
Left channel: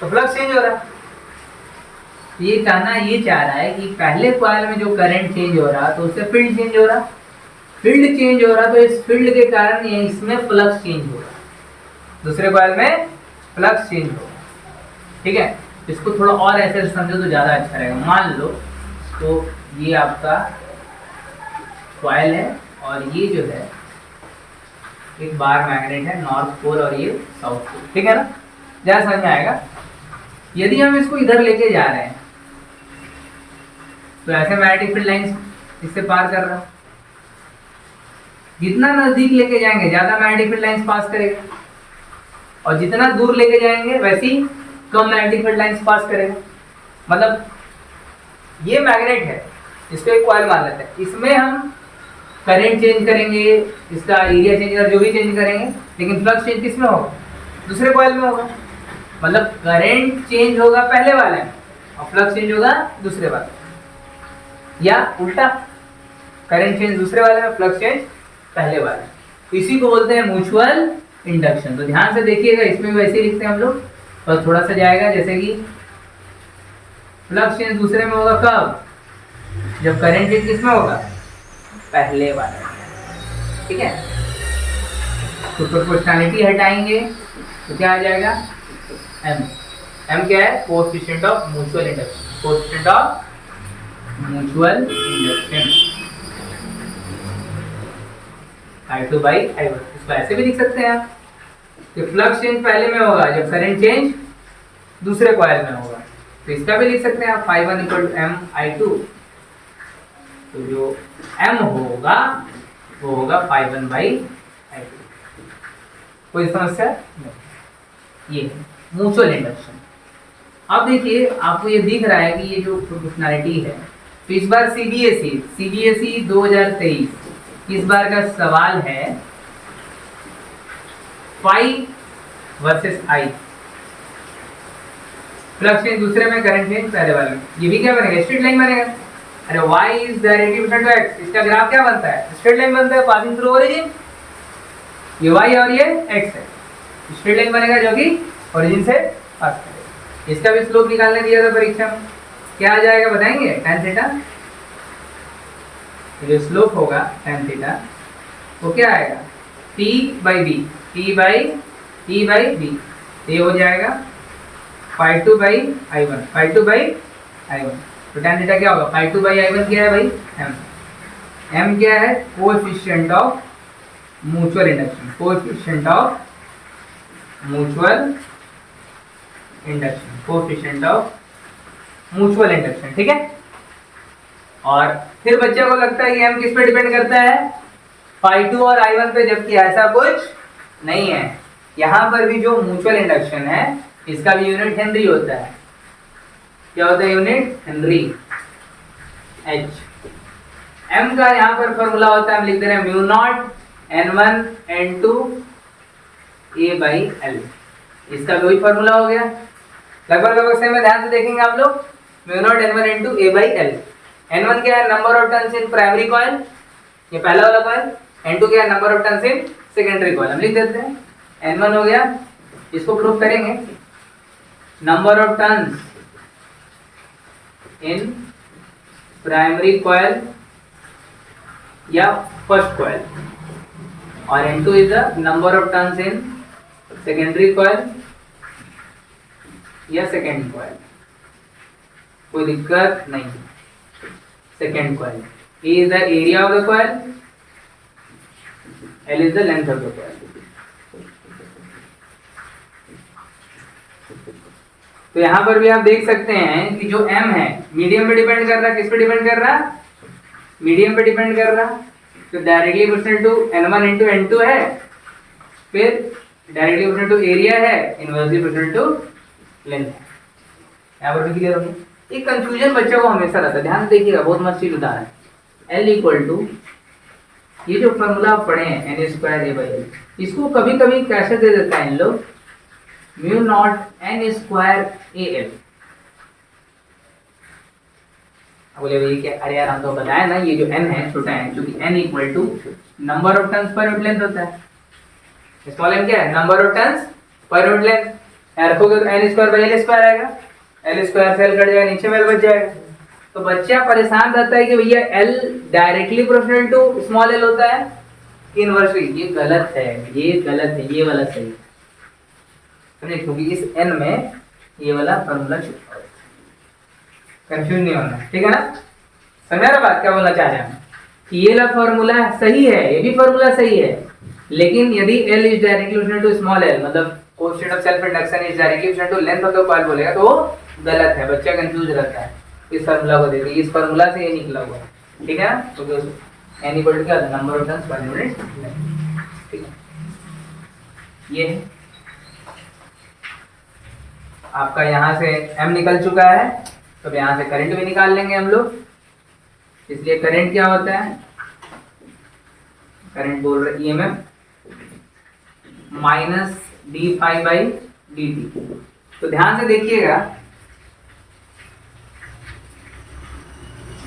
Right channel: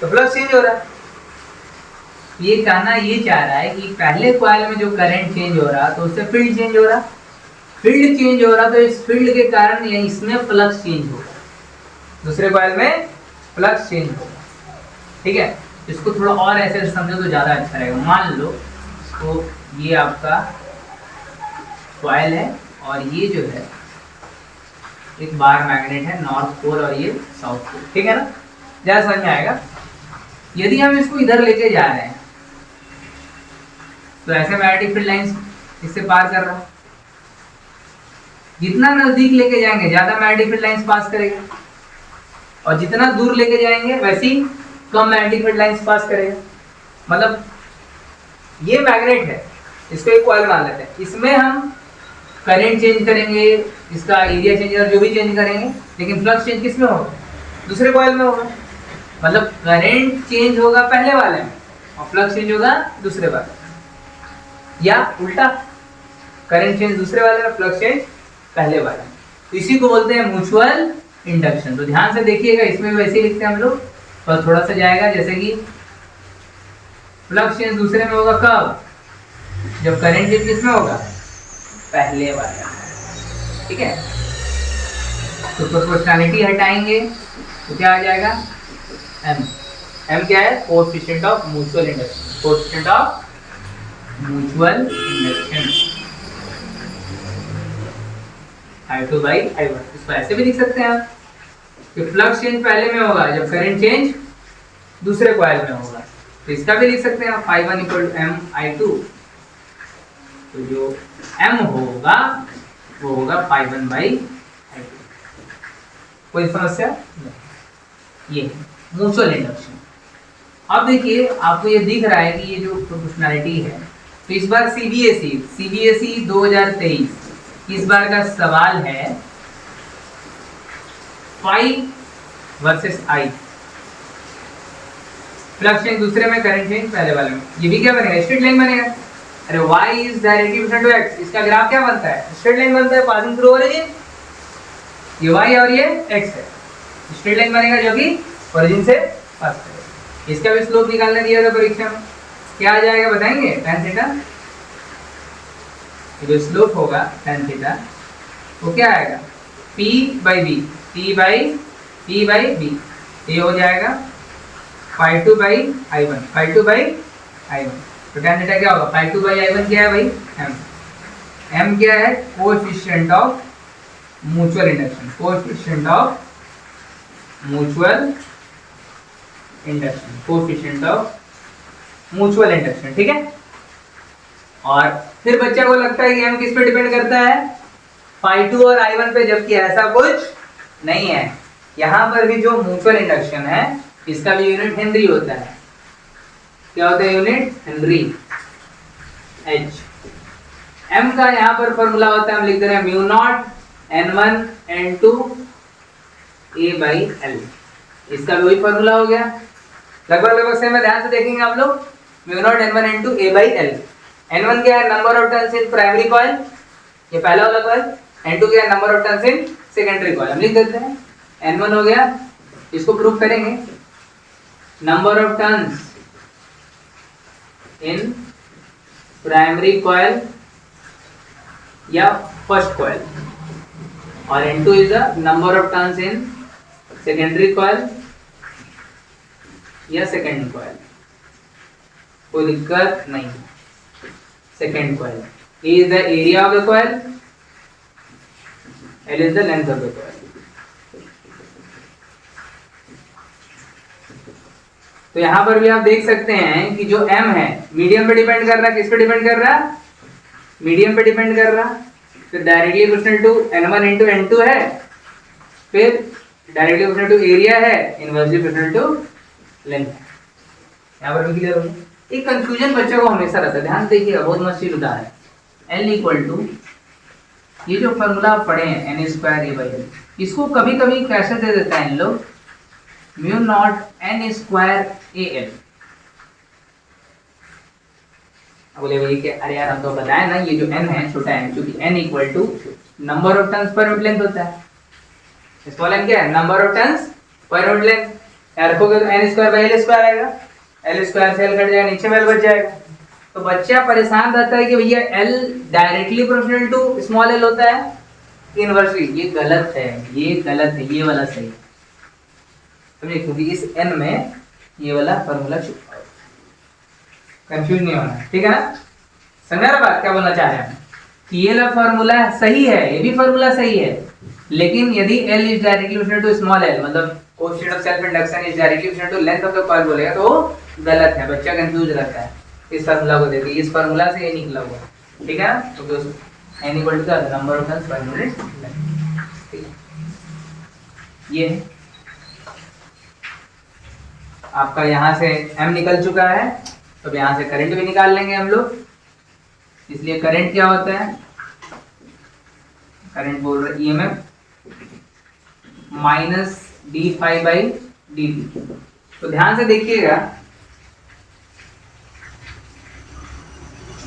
तो फ्लक्स चेंज हो रहा है, ये कहना ये चाह रहा है कि पहले कॉइल में जो करंट चेंज हो रहा तो उससे फील्ड चेंज हो रहा, फील्ड चेंज हो रहा तो इस फील्ड के कारण इसमें फ्लक्स चेंज होगा, दूसरे कॉइल में फ्लक्स चेंज होगा। ठीक है, इसको थोड़ा और ऐसे समझो तो ज़्यादा अच्छा रहेगा। मान लो तो ये आपका कॉइल है और ये जो है एक बार मैग्नेट है, नॉर्थ पोल और ये साउथ पोल, ठीक है ना, ज़्यादा समझ में आएगा। यदि हम इसको इधर लेके जा रहे हैं तो ऐसे मैग्नेटिक फील्ड लाइंस इससे पार कर रहा है, जितना नजदीक लेके जाएंगे ज्यादा मैग्नेटिक फील्ड लाइंस पास करेगा और जितना दूर लेके जाएंगे वैसी कम मैग्नेटिक फील्ड लाइंस पास करेगा। मतलब ये मैग्नेट है, इसको एक कॉइल मान लेते हैं, इसमें हम करंट चेंज करेंगे, इसका एरिया चेंज और जो भी चेंज करेंगे, लेकिन फ्लक्स चेंज किसमें होगा, दूसरे कॉइल में होगा। मतलब करंट चेंज होगा पहले वाले में और फ्लक्स चेंज होगा दूसरे वाले में, या उल्टा करंट चेंज दूसरे वाले में, फ्लक्स चेंज पहले वाले में। तो इसी को बोलते हैं म्यूचुअल इंडक्शन। तो ध्यान से देखिएगा, इसमें भी वैसे ही लिखते हैं हम लोग, पर थोड़ा सा जाएगा, जैसे कि फ्लक्स चेंज दूसरे में होगा कब, जब करंट चेंज किसमें होगा, पहले वाले में। ठीक है, तो प्रोपोर्शनैलिटी हटाएंगे तो क्या आ जाएगा, एम। एम क्या है, coefficient of mutual induction, coefficient of mutual induction, I2 by I1। इसको ऐसे भी लिख सकते हैं आप कि फ्लक्स चेंज पहले में होगा जब करंट चेंज दूसरे कॉइल में होगा, तो इसका भी लिख सकते हैं आप I1 equal to M I2। तो जो M होगा वो होगा I1 by I2। कोई समस्या नहीं, ये म्यूचुअल इंडक्शन। अब देखिए आपको ये दिख रहा है कि ये जो प्रोपोर्शनैलिटी है, तो इस बार सीबीएसई 2023 इस बार का सवाल है phi versus I, flux change दूसरे में, करंट चेंज पहले वाले में। ये भी क्या बनेगा, स्ट्रेट लाइन बनेगा। अरे y is directly to x, इसका ग्राफ क्या बनता है, स्ट्रेट लाइन बनता है पासिंग थ्रू ओरिजिन। ये y और ये x है, स्ट्रेट लाइन बनेगा जो कि ओरिजिन से पास करेगा। इसका भी स्लोप निकालने दिया था परीक्षा में, क्या आ जाएगा बताएंगे, tan थीटा जो स्लोप होगा tan थीटा वो क्या आएगा P by B, P by B, ये हो जाएगा phi two by I one, phi two by I one. तो tan थीटा क्या होगा, phi two by I one क्या है भाई, m क्या है, coefficient of mutual induction, coefficient of mutual induction, coefficient of mutual induction, ठीक है। और फिर बच्चे को लगता है कि m किस पे डिपेंड करता है, फाई टू और आई वन पे, जबकि ऐसा कुछ नहीं है। यहां पर भी जो म्यूचुअल इंडक्शन है इसका भी यूनिट हेनरी होता है। क्या होता है यूनिट, हेनरी, h। m का यहाँ पर फॉर्मूला होता है, हम लिख दे रहे हैं mu naught n1 n2 a by l, इसका भी वही फॉर्मूला हो गया, लगभग सेम है। ध्यान से देखेंगे आप लोग, mu naught n1 n2 a by l। n1 क्या है, number of turns in primary coil, ये पहला वाला कॉइल। n2 क्या है, number of turns in secondary coil. हम लिख देते हैं n1 हो गया, इसको प्रूफ करेंगे, number of turns in primary coil या फर्स्ट कॉइल, और n2 is the number of turns in secondary coil या सेकेंड कॉइल, कोई दिक्कत नहीं। Second coil, A is the area of the coil, L is the length of the coil। तो यहां पर भी आप देख सकते हैं कि जो m है मीडियम पे डिपेंड कर रहा है, किस पे डिपेंड कर रहा है, मीडियम पे डिपेंड कर रहा है। फिर directly proportional to n1 into n2 है, फिर डायरेक्टली प्रोपोर्शनल टू एरिया है, इनवर्सली प्रोपोर्शनल टू लेंथ है। यहां पर भी क्लियर हो गया। एक कंफ्यूजन बच्चों को हमेशा रहता है, ध्यान देखिएगा, बहुत मस्त चीज उदाहरण है। L इक्वल टू, ये जो फॉर्मूला आप पढ़े हैं n square a by l, इसको कभी कभी कैसे दे देता है इन लोग, mu nought n square a l। बोले ये क्या, अरे यार हम तो बताए ना, ये जो n है छोटा n, क्योंकि n equal to number of turns per unit length होता है। स्मॉल n क्या है, number of turns per unit length, रखोगे तो n square by l square आएगा, l स्क्वायर से l कट जाएगा, नीचे में l बच जाएगा। तो बच्चा परेशान रहता है कि भैया L directly proportional to small l होता है कि इनवर्सली, ये गलत है, ये गलत है, ये वाला सही है, क्योंकि इस n में ये वाला फॉर्मूला छुपा है, कंफ्यूज नहीं होना, ठीक है ना। समझा ना बात, क्या बोलना चाह रहे हैं कि ये वाला फॉर्मूला सही है, ये भी फॉर्मूला सही है, लेकिन यदि L is directly proportional to small l, मतलब coefficient of self induction is directly proportional to length of the coil बोलेगा तो गलत है, बच्चा कंफ्यूज रहता है। इस फार्मूला को देखिए, इस फार्मूला से ये निकला हुआ है, ठीक है ना। तो n इक्वल टू क्या होता है, number of turns per unit length, ठीक है। ये आपका यहाँ से m निकल चुका है, तो यहाँ से करंट भी निकाल लेंगे हम लोग। इसलिए करंट क्या होता है, करंट बोल रहे EMF minus D phi by D T. तो ध्यान से देखिएगा,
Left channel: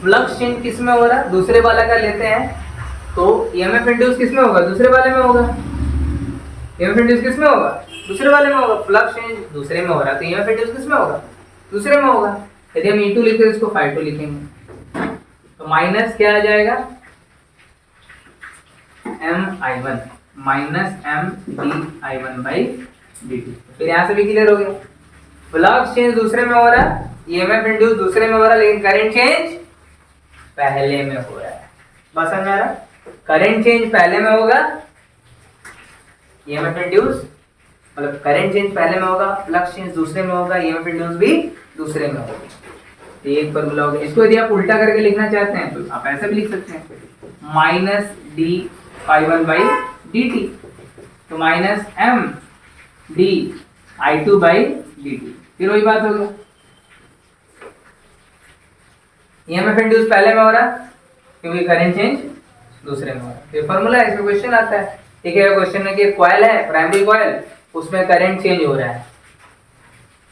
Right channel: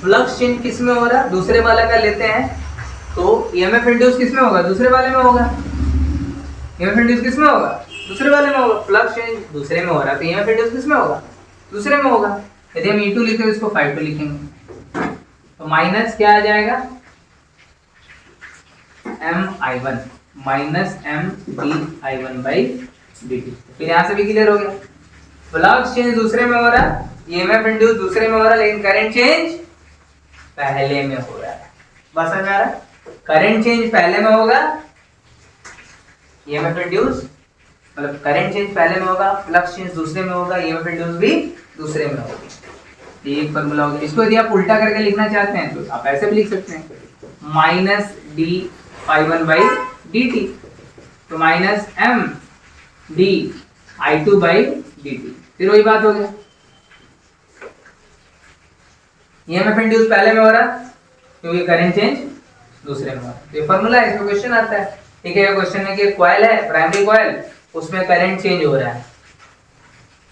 फ्लक्स चेंज किस में हो रहा है, दूसरे वाला का लेते हैं, तो EMF इंड्यूस किस में होगा, दूसरे वाले में होगा। EMF इंड्यूस किस में होगा, दूसरे वाले में होगा। फ्लक्स चेंज दूसरे में हो रहा है तो EMF इंड्यूस किस में होगा, दूसरे में होगा। यदि हम E2 लिखें तो इसको φ2 लिखेंगे, तो माइनस क्या आ जाएगा, MI1 minus MdI1 by dt। फिर यहाँ से भी क्लियर हो गया, फ्लक्स चेंज दूसरे में हो रहा है, EMF इंड्यूस दूसरे में हो रहा है, लेकिन करंट चेंज पहले में हो रहा है। बस समझ आ रहा है, करंट चेंज पहले में होगा, EMF इंड्यूस मतलब करंट चेंज पहले में होगा, फ्लक्स चेंज दूसरे में होगा, EMF इंड्यूस भी दूसरे में होगा। ये एक फॉर्मूला हो गया। इसको यदि आप उल्टा करके लिखना चाहते हैं तो आप ऐसे भी लिख सकते हैं, minus D phi one by D T, तो minus M D I two by D T. फिर वही बात हो गया, EMF इंड्यूस पहले में हो रहा है क्योंकि करंट चेंज दूसरे में हो रहा है। ये फॉर्मूला है, इसमें क्वेश्चन आता है, ठीक है। क्वेश्चन है कि कॉइल है, प्राइमरी कॉइल, उसमें करंट चेंज हो रहा है,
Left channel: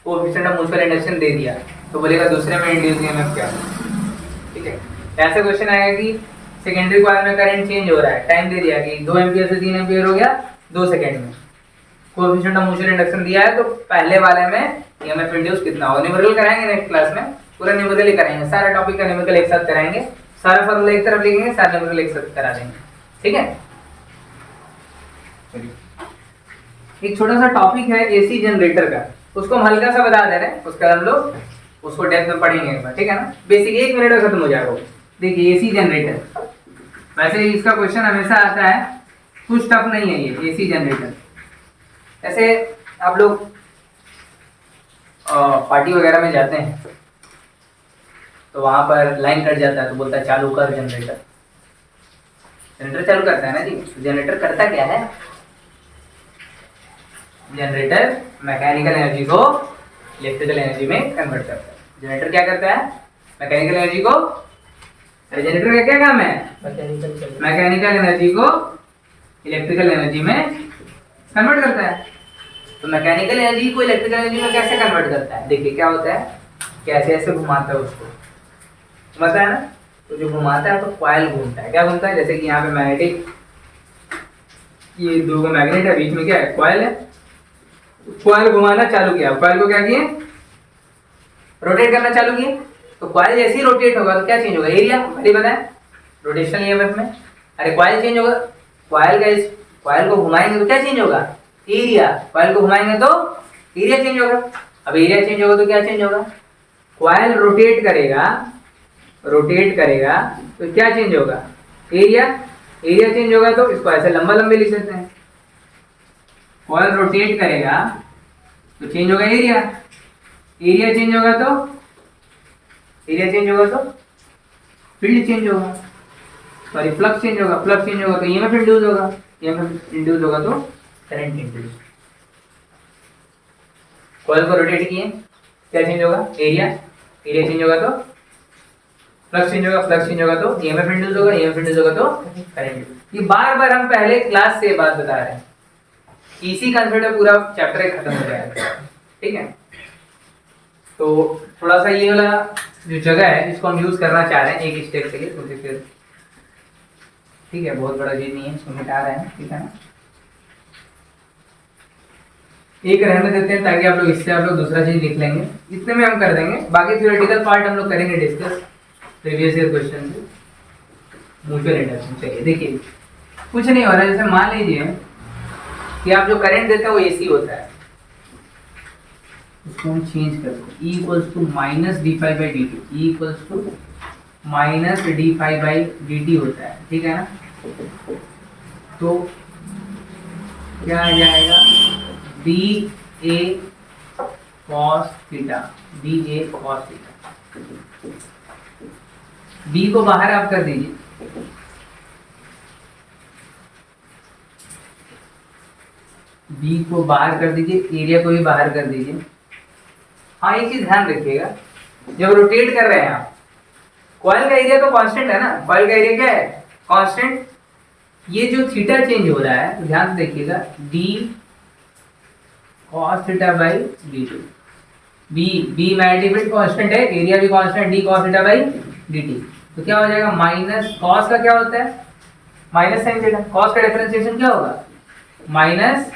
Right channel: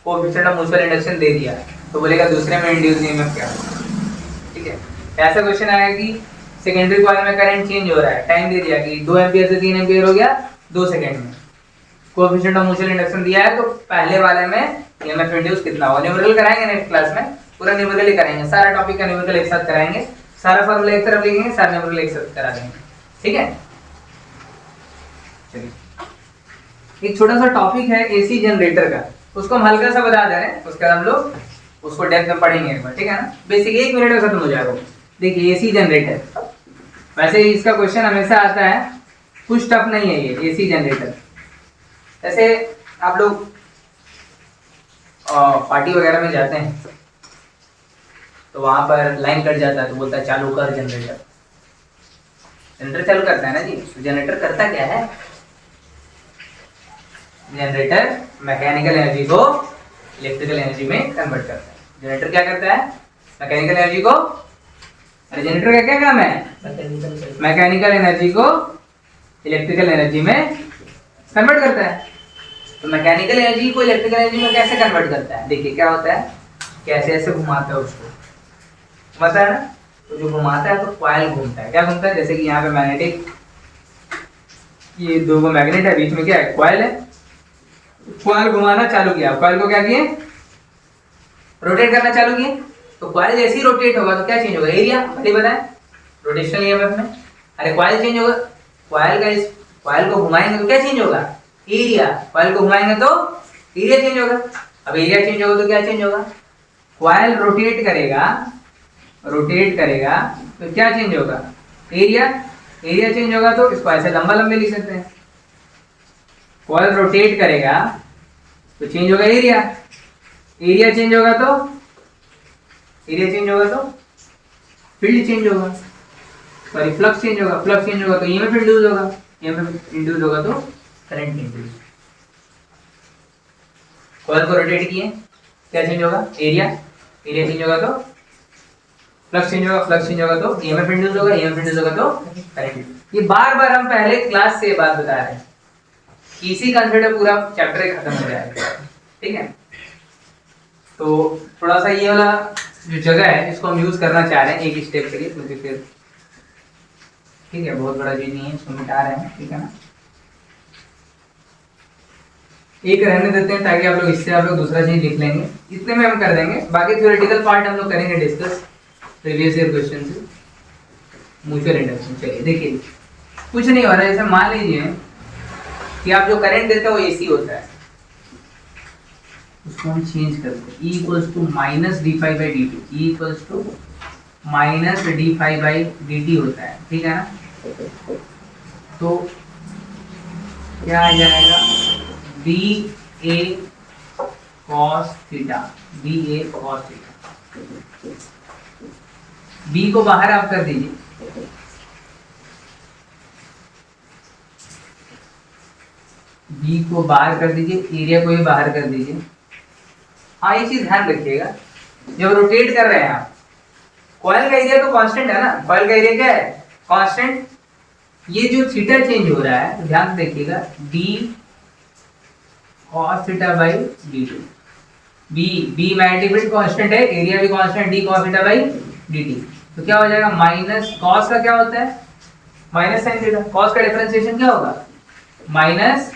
कोएफिशिएंट ऑफ म्यूचुअल इंडक्शन दे दिया, तो बोलेगा दूसरे में इंड्यूस EMF क्या, ठीक है। ऐसा क्वेश्चन आएगा कि सेकेंडरी कॉइल में करंट चेंज हो रहा है, टाइम दे दिया कि 2 एम्पीयर से 3 एम्पीयर हो गया 2 सेकंड में, कोएफिशिएंट ऑफ म्यूचुअल इंडक्शन दिया है, तो पहले वाले में EMF इंड्यूस कितना होगा। न्यूमेरिकल कराएंगे नेक्स्ट क्लास में, पूरा न्यूमेरिकल ही कराएंगे, सारा टॉपिक का न्यूमेरिकल एक साथ कराएंगे, सारा फॉर्मूला एक तरफ लिखेंगे, सारे नंबर को एक साथ करा देंगे, ठीक है। चलिए एक छोटा सा टॉपिक है एसी जनरेटर का, उसको हम हल्का सा बता दे रहे हैं, उसके बाद हम लोग उसको डेप्थ में पढ़ेंगे एक बार, ठीक है ना। बेसिक 1 मिनट में खत्म हो जाएगा। देखिए एसी जनरेटर, वैसे इसका क्वेश्चन हमेशा आता है, कुछ टफ नहीं है ये एसी जनरेटर। ऐसे आप लोग पार्टी वगैरह में जाते हैं तो वहां पर लाइन कट जाता है तो बोलता है चालू कर जनरेटर। जनरेटर चालू करता है ना जी। जनरेटर करता क्या है? जनरेटर मैकेनिकल एनर्जी को इलेक्ट्रिकल एनर्जी में कन्वर्ट करता है। जनरेटर क्या करता है? मैकेनिकल एनर्जी को, अरे जनरेटर का क्या काम है? मैकेनिकल एनर्जी को इलेक्ट्रिकल एनर्जी में कन्वर्ट करता है। तो मैकेनिकल एनर्जी को इलेक्ट्रिकल एनर्जी में कैसे कन्वर्ट करता है? देखिए क्या होता है, कैसे ऐसे घुमाता है उसको, घुमाता है ना, तो जो घुमाता है तो कॉइल घूमता है। क्या घूमता है? जैसे कि यहाँ पे मैग्नेटिक, ये दो मैग्नेट है, बीच में क्या है? कॉइल है। कॉइल घुमाना चालू किया, कॉइल को क्या किए? रोटेट करना चालू किए। तो कॉइल जैसे ही रोटेट होगा तो क्या चेंज होगा? एरिया। पहले बताया रोटेशनल ईएमएफ में, अरे कॉइल चेंज होगा, कॉइल का इस कॉइल को घुमाएंगे तो क्या चेंज होगा? एरिया। कॉइल को घुमाएंगे तो एरिया चेंज होगा। अब एरिया चेंज होगा तो क्या चेंज होगा? कॉइल रोटेट करेगा, रोटेट करेगा तो क्या चेंज होगा? एरिया। एरिया चेंज होगा तो इसको ऐसे लंबा लंबे लिख सकते हैं। कॉइल रोटेट करेगा तो चेंज होगा एरिया। एरिया चेंज होगा तो, एरिया चेंज होगा तो फील्ड चेंज होगा, सॉरी फ्लक्स चेंज होगा। फ्लक्स चेंज होगा तो ईएमएफ इंड्यूस होगा, ईएमएफ इंड्यूस होगा तो करंट इंड्यूस। कॉइल को रोटेट किए, क्या चेंज होगा? एरिया। एरिया चेंज होगा तो फ्लक्स चेंज होगा, फ्लक्स चेंज होगा तो ईएमएफ इंड्यूस होगा, ईएमएफ इंड्यूस होगा तो करंट। ये बार बार हम पहले क्लास से बात बता रहे हैं, इसी कंसेप्ट में पूरा चैप्टर खत्म हो जाएगा, ठीक है। तो थोड़ा सा ये वाला जो जगह है इसको हम यूज करना चाह रहे हैं एक स्टेप के लिए, क्योंकि फिर ठीक है बहुत बड़ा चीज नहीं है, इसको मिटा रहे हैं, ठीक है ना। एक रहने देते हैं ताकि आप लोग इससे आप लोग दूसरा चीज लिख लेंगे, इतने में हम कर देंगे। बाकी थ्योरेटिकल पार्ट हम लोग करेंगे डिस्कस प्रीवियस ईयर क्वेश्चन से, म्यूचुअल इंडक्शन। चलिए देखिए कुछ नहीं हो रहा है, जैसे मान लीजिए कि आप जो करंट देते हो वो एसी होता है, उसको हम चेंज करते हैं। E equals to minus D phi by D T, E equals to minus D phi by D T होता है, ठीक है ना। तो क्या आ जाएगा? B A cos theta, B A cos theta. बी को बाहर आप कर दीजिए, बी को बाहर कर दीजिए, एरिया को भी बाहर कर दीजिए। हाँ ये चीज ध्यान रखिएगा, जब रोटेट कर रहे हैं आप, कॉइल का एरिया तो कांस्टेंट है ना, कॉइल का एरिया क्या है? कांस्टेंट। ये जो थीटा चेंज हो रहा है तो ध्यान से देखिएगा, D cos theta by D T. B magnetic field constant है, एरिया भी constant, D cos theta by D T. तो क्या हो जाएगा? माइनस कॉस का क्या होता है? Minus sine theta. कॉस का डिफरेंशिएशन क्या होगा? Minus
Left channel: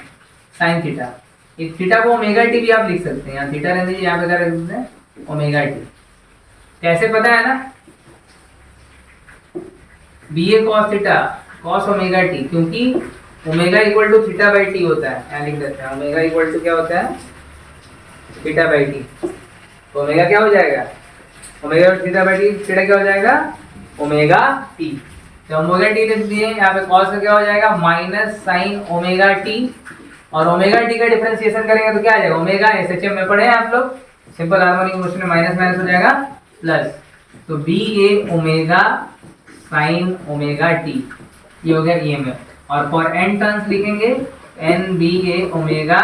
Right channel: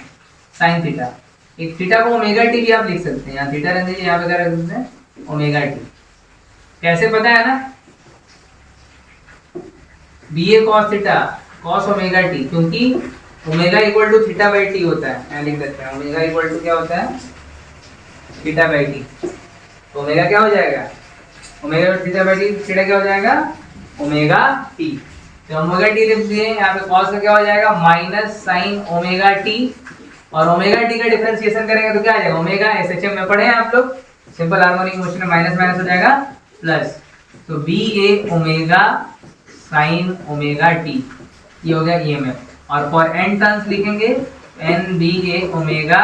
sine theta. एक थीटा को ओमेगा टी भी आप लिख सकते हैं, यहाँ थीटा रहने दीजिए, यहाँ पे क्या रख सकते हैं? Omega T. कैसे पता है ना? B A cos theta cos omega T, क्योंकि omega equal to theta by T होता है। यहाँ लिख देते हैं ओमेगा इक्वल टू क्या होता है? Theta by T. तो ओमेगा क्या हो जाएगा? Omega theta by T, theta क्या हो जाएगा? Omega T. तो ओमेगा टी लिख दिए, यहाँ पे कॉस का क्या हो जाएगा? माइनस साइन ओमेगा टी, और ओमेगा टी का डिफरेंशिएशन करेंगे तो क्या आ जाएगा? ओमेगा एसएचएम में पढ़े हैं आप लोग, सिंपल हार्मोनिक मोशन में माइनस माइनस हो जाएगा प्लस। तो B A omega sine omega T, ये हो गया ईएमएफ। और फॉर एन टर्न्स लिखेंगे N B A omega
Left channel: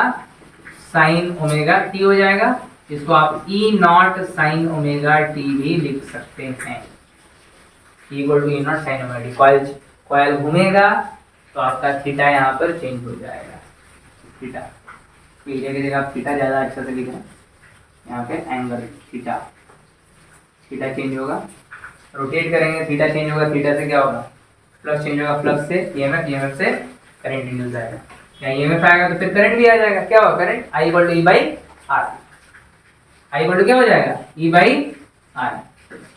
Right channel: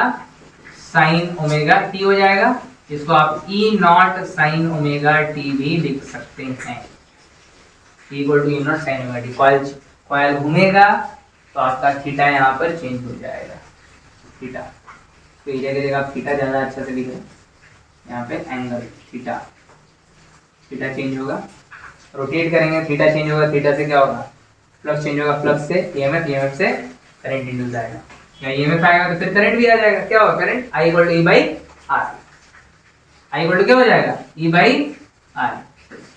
sine omega T हो जाएगा, जिसको आप E nought sine omega T भी लिख सकते हैं, equal to E nought sine omega T. Coil घूमेगा तो आपका थीटा यहाँ पर चेंज हो जाएगा, थीटा। तो एरिया की जगह आप थीटा ज़्यादा अच्छा से लिख रहे हैं, यहाँ पे एंगल थीटा, थीटा चेंज होगा। रोटेट करेंगे थीटा चेंज होगा, थीटा से क्या होगा? फ्लक्स चेंज होगा, फ्लक्स से ईएमएफ, ईएमएफ से करंट इंड्यूस आएगा। यहाँ ईएमएफ आएगा तो फिर करंट भी आ जाएगा। क्या होगा? Current I equal to E by R. I equal to क्या हो जाएगा? E by R.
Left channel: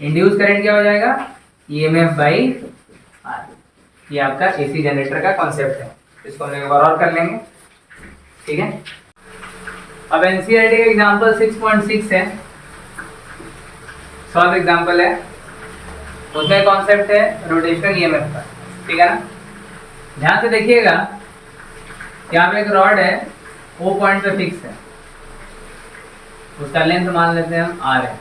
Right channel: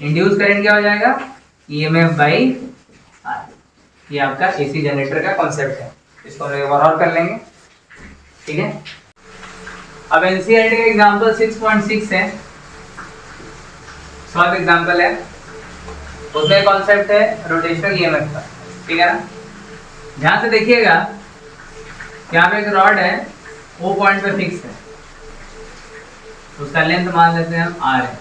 Induce current क्या हो जाएगा? EMF by R। ये आपका AC जनरेटर का कॉन्सेप्ट है, इसको हम एक बार और कर लेंगे, ठीक है। अब NCERT का एग्जांपल 6.6 है, सॉल्व एग्जांपल है, उसमें कॉन्सेप्ट है रोटेशनल EMF का, ठीक है ना। ध्यान से देखिएगा, यहाँ पे एक रॉड है, O पॉइंट पे फिक्स है, उसका लेंथ मान लेते हैं हम R है,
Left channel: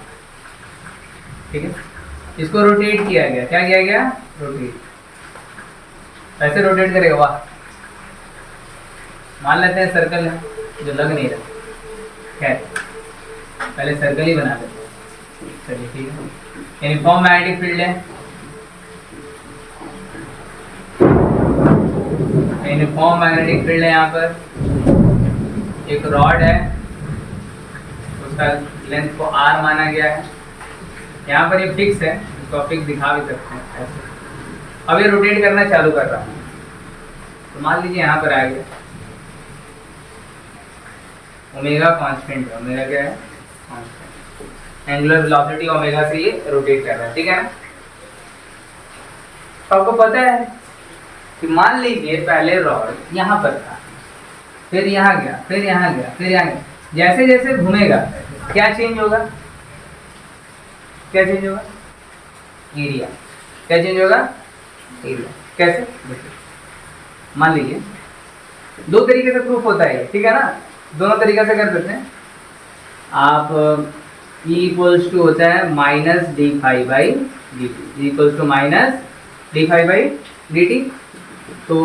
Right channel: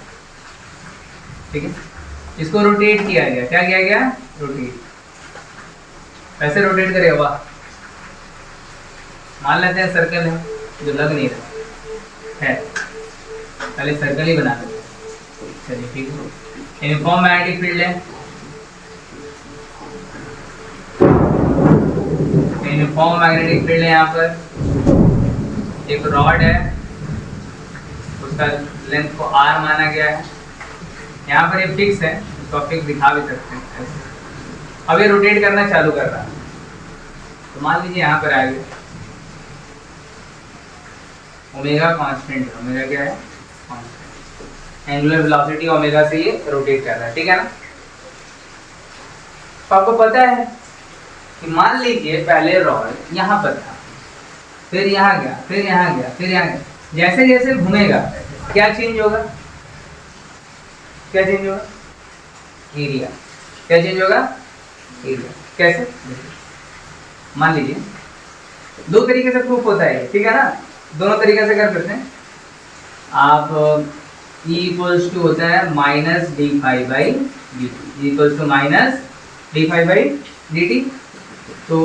ठीक है। इसको रोटेट किया गया, क्या किया गया, रोटेट। कैसे रोटेट करेगा, वाह, मान लेते हैं सर्कल है जो लग नहीं रहा है, पहले सर्कल ही बना देते हैं, चलिए ठीक है। यूनिफॉर्म मैग्नेटिक फील्ड है, यूनिफॉर्म मैग्नेटिक फील्ड है, यहाँ पर एक रॉड है, उसका लेंथ को R माना गया है, यहाँ पर ये फिक्स है, इसको फिक्स दिखा भी सकते हैं ऐसे। अब ये रोटेट करना चालू कर रहा है, तो मान लीजिए यहाँ पर आ गया, ओमेगा कांस्टेंट है, ओमेगा क्या है, कांस्टेंट, एंगुलर वेलोसिटी ओमेगा से ये रोटेट कर रहा है, ठीक है ना। तो आपको पता है कि मान लीजिए पहले रॉड यहाँ पर था, फिर यहाँ गया, फिर यहाँ गया, फिर यहाँ गया, जैसे जैसे घूमेगा क्या चेंज होगा, क्या चेंज होगा, एरिया, क्या चेंज होगा, एरिया। कैसे, मान लीजिए दो तरीके से प्रूफ होता है, ठीक है ना, दोनों तरीके से कर सकते हैं आप। E इक्वल्स टू होता है minus D phi by D T, equals to minus D phi by D T. तो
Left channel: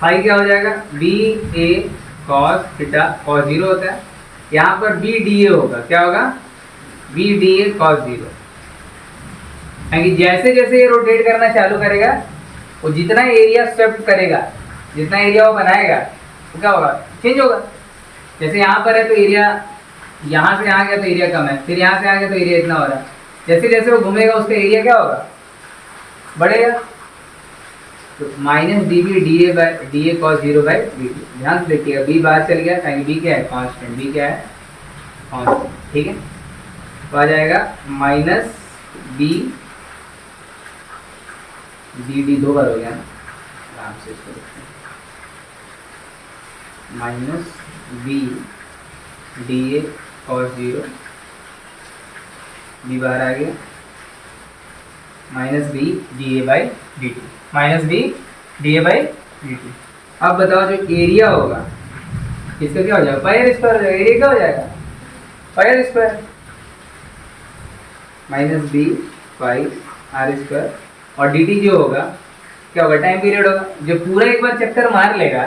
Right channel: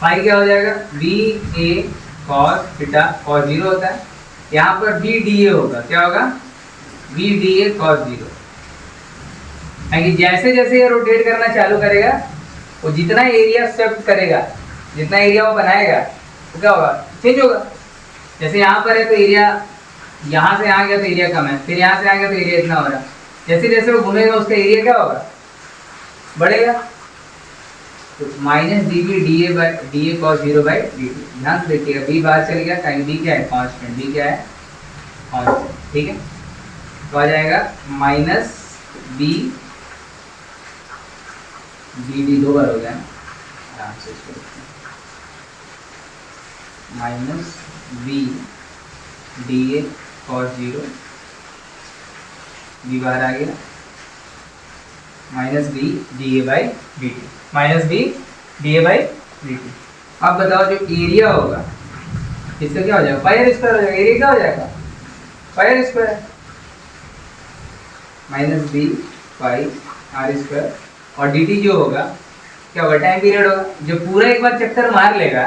फाई क्या हो जाएगा, B A cos theta, cos zero होता है, यहाँ पर बी डी ए होगा, क्या होगा, B D A cos zero. जैसे जैसे ये रोटेट करना चालू करेगा, वो जितना एरिया स्वेप्ट करेगा, जितना एरिया वो बनाएगा, तो क्या होगा, चेंज होगा। जैसे यहाँ पर है तो एरिया, यहाँ से आ गया तो एरिया कम है, फिर यहाँ से आ गया तो एरिया इतना हो रहा है, जैसे जैसे वो घूमेगा उसका एरिया क्या होगा, बढ़ेगा। तो minus D B D A cos zero by D T. ध्यान से देखिएगा, बी बाहर चल गया, टाइम बी क्या है, कांस्टेंट, बी क्या है, कांस्टेंट, ठीक है। तो आ जाएगा माइनस बी डी दो बार हो गया ना, आराम से इसको देखते हैं, minus B D A cos zero, B बाहर आ गया, minus B D A by D T, minus B D A by D T. अब बताओ जो एरिया होगा इसका क्या हो जाएगा, पाई आर स्क्वायर हो जाएगा, एरिया क्या हो जाएगा, pi R square, minus B pi R square. और डी टी जो होगा क्या होगा, टाइम पीरियड होगा, जो पूरा एक बार चक्कर मार लेगा,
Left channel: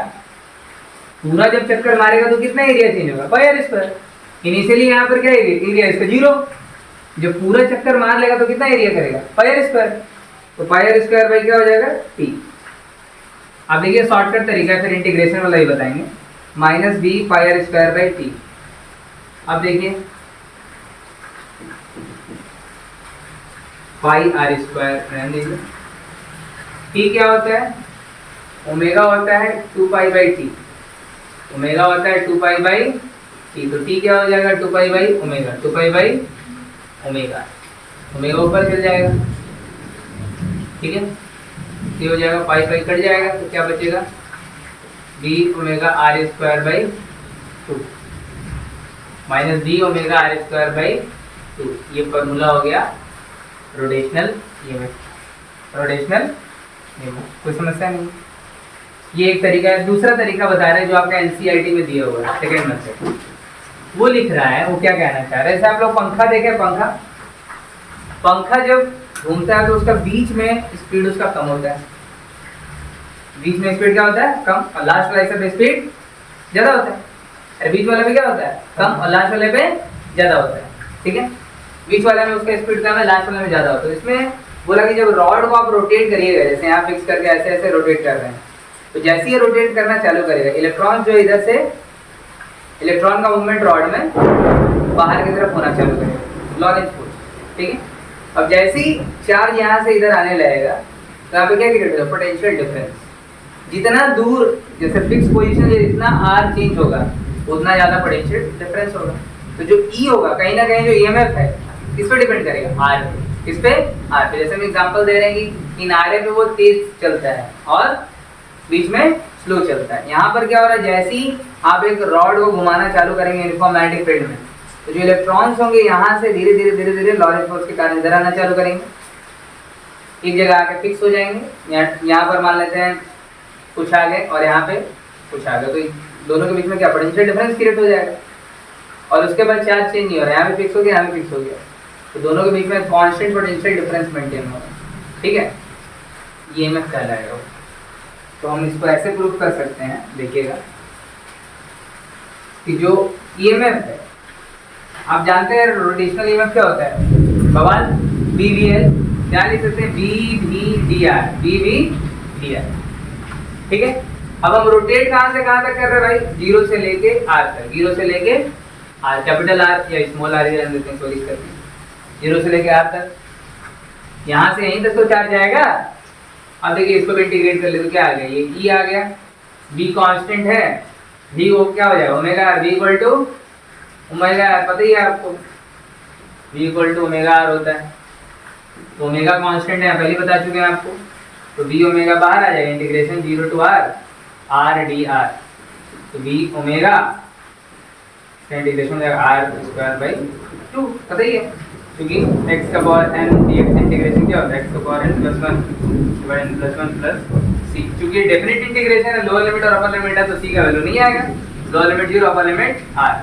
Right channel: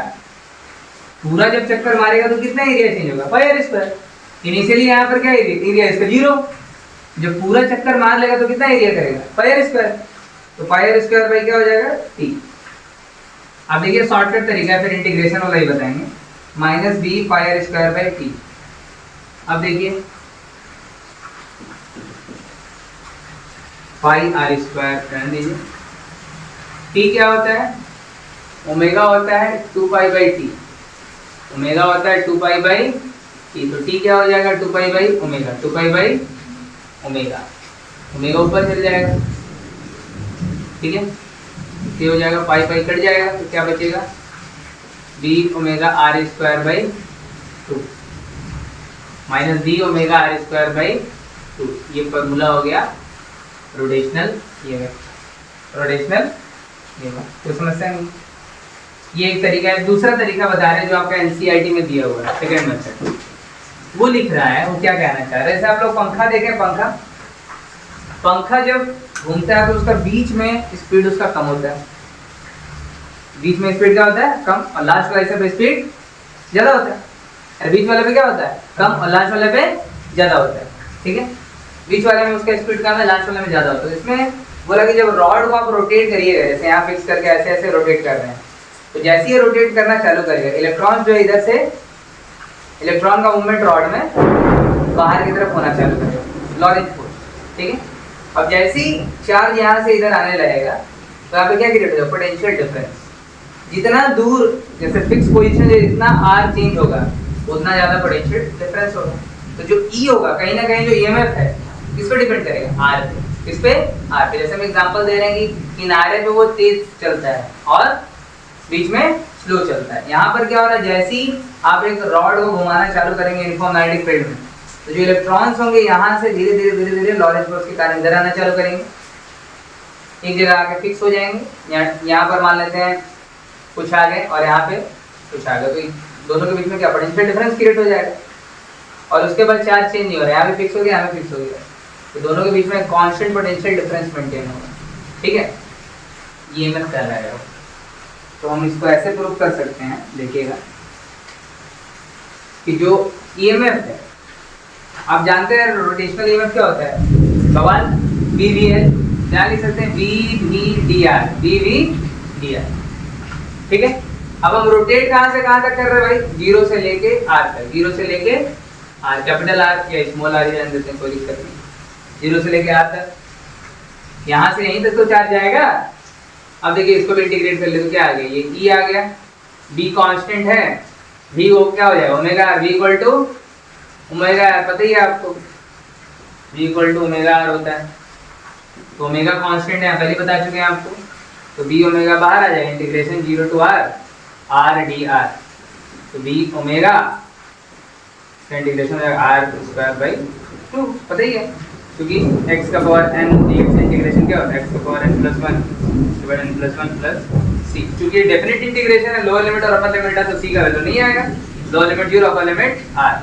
पूरा जब चक्कर मारेगा तो कितना एरिया चेंज होगा, पाई आर स्क्वायर। इनिशियली यहाँ पर क्या एरिया इसका जीरो, जब पूरा चक्कर मार लेगा तो कितना एरिया करेगा, पाई आर स्क्वायर। तो पाई आर स्क्वायर बाई क्या हो जाएगा, टी। अब देखिए शॉर्टकट तरीका है, फिर इंटीग्रेशन वाला ही बताएंगे, minus B pi R square by T. अब देखिए पाई आर स्क्वायर रहने दीजिए, टी क्या होता है, ओमेगा होता है 2 पाई बाई टी, ओमेगा होता है 2 पाई बाई टी। तो टी क्या हो जाएगा, 2 pi by omega, 2 pi by omega, omega ऊपर चल जाएगा, ठीक है। ये हो जाएगा, पाई पाई कट जाएगा, तो क्या बचेगा, B omega R square by 2 minus D omega R square by 2। ये फॉर्मूला हो गया रोटेशनल ईएमएफ, रोटेशनल ईएमएफ। कोई समस्या नहीं, ये एक तरीका है। दूसरा तरीका बता रहे हैं जो आपका एनसीईआरटी में दिया हुआ है, सेकंड मेथड, वो लिख रहा है, वो क्या कहना चाह रहे हैं। जैसे आप लोग पंखा देखें, पंखा जब घूमता है तो उसका बीच में स्पीड उसका कम होता है, बीच में स्पीड क्या होता है, कम, और लास्ट वाले पे स्पीड ज़्यादा होता है। और बीच वाले पे क्या होता है, कम, और लास्ट वाले पे ज़्यादा होता है, ठीक है। बीच वाले में उसका स्पीड कम है, लास्ट वाले में ज़्यादा होता है। इसमें बोला कि जब रॉड को आप रोटेट करिएगा, जैसे यहाँ फिक्स करके ऐसे ऐसे रोटेट कर रहे हैं, तो जैसे ही रोटेट करना चालू करेगा, इलेक्ट्रॉन जो है इधर से, इलेक्ट्रॉन का मूवमेंट रॉड में बाहर की तरफ होना चालू करेगा, लॉरेंज फोर्स, ठीक है। अब जैसे ही चार्ज यहाँ से इधर आने लगेगा तो यहाँ पे क्या क्रिएट होगा, पोटेंशियल डिफरेंस। जितना दूर, जैसे फिक्स पोजीशन से जितना आर चेंज होगा उतना ज़्यादा पोटेंशियल डिफरेंस होगा। तो जो ई होगा, कहीं ना कहीं जो ईएमएफ है किस पे डिपेंड करेगा, आर पे। किस पे, आर पे। जैसे हम एग्जांपल दे रहे हैं कि किनारे पे वो तेज चलता है और बीच में स्लो चलता है। यहाँ पर क्या हो रहा है, जैसे ही आप एक रॉड को घुमाना चालू करेंगे यूनिफॉर्म मैग्नेटिक फील्ड में, तो जो इलेक्ट्रॉन्स होंगे यहाँ से धीरे धीरे धीरे धीरे लॉरेंस फोर्स के कारण इधर आना चालू करेंगे, एक जगह आके फिक्स हो जाएंगे। यहाँ पर मान लेते हैं कुछ आ गए और यहाँ पे कुछ आ गए, तो दोनों के बीच में क्या पोटेंशियल डिफरेंस क्रिएट हो जाएगा और उसके बाद चार्ज चेंज नहीं हो रहा है, यहाँ पे फिक्स हो गया, यहाँ पे फिक्स हो गया, तो दोनों के बीच में कांस्टेंट पोटेंशियल डिफरेंस मेंटेन होगा। ठीक है, ईएमएफ कहलाएगा वो। तो हम इसको ऐसे प्रूव कर सकते हैं, देखिएगा कि जो ईएमएफ है, आप जानते हैं रोटेशनल ईएमएफ क्या होता है बवाल, बीवीएल, क्या लिख सकते हैं, बीवीडीआर, बीवीडीआर। ठीक है, अब हम रोटेट कहाँ से कहाँ तक कर रहे हैं भाई, जीरो से लेके आर तक, जीरो से लेके आर, कैपिटल आर या स्मॉल आर रहने देते हैं, कोई दिक्कत नहीं, जीरो से लेके आर तक, यहाँ से यहीं तक तो चार्ज जाएगा। अब देखिए इसको भी इंटीग्रेट कर ले तो क्या आ गया, ये ई आ गया, बी कांस्टेंट है, वी वो क्या हो जाएगा omega R, V equal to omega R, पता ही है आपको V equal to omega R होता है, तो ओमेगा कांस्टेंट है पहले बता चुके हैं आपको, तो बी ओमेगा बाहर आ जाएगा, integration zero to R, R D R, तो बी ओमेगा इंटीग्रेशन हो जाएगा आर स्क्वायर बाई 2, पता ही है, क्योंकि x का पावर n dx इंटीग्रेशन क्या होता है, x का power n plus 1 divide n plus 1 plus c, क्योंकि डेफिनेट इंटीग्रेशन है, लोअर लिमिट और अपर लिमिट है, तो c का वैल्यू नहीं आएगा, lower limit 0, upper limit r,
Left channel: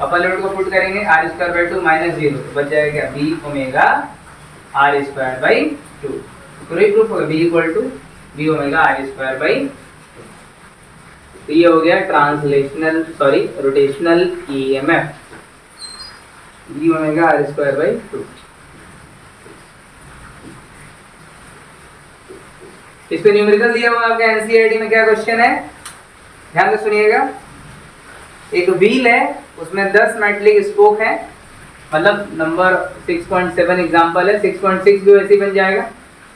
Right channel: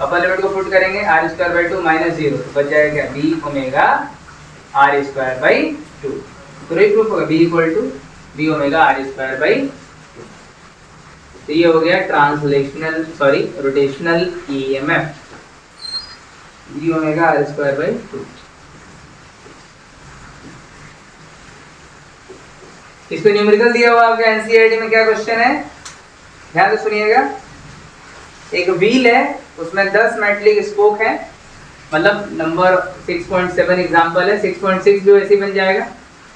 upper limit को पुट करेंगे r स्क्वायर बाई 2 माइनस 0, तो बच जाएगा क्या, b omega r square by 2, तो यही प्रूफ होगा b equal to b omega r square by 2। तो ये हो गया translational sorry rotational EMF, b omega R square by 2। इसको न्यूमेरिकल दिया हुआ आपके एनसीईआरटी में, क्या क्वेश्चन है ध्यान से सुनिएगा। एक व्हील है, उसमें 10 मेटलिक स्पोक है, मतलब नंबर 6.7 एग्जांपल है, 6.6 भी वैसे ही बन जाएगा,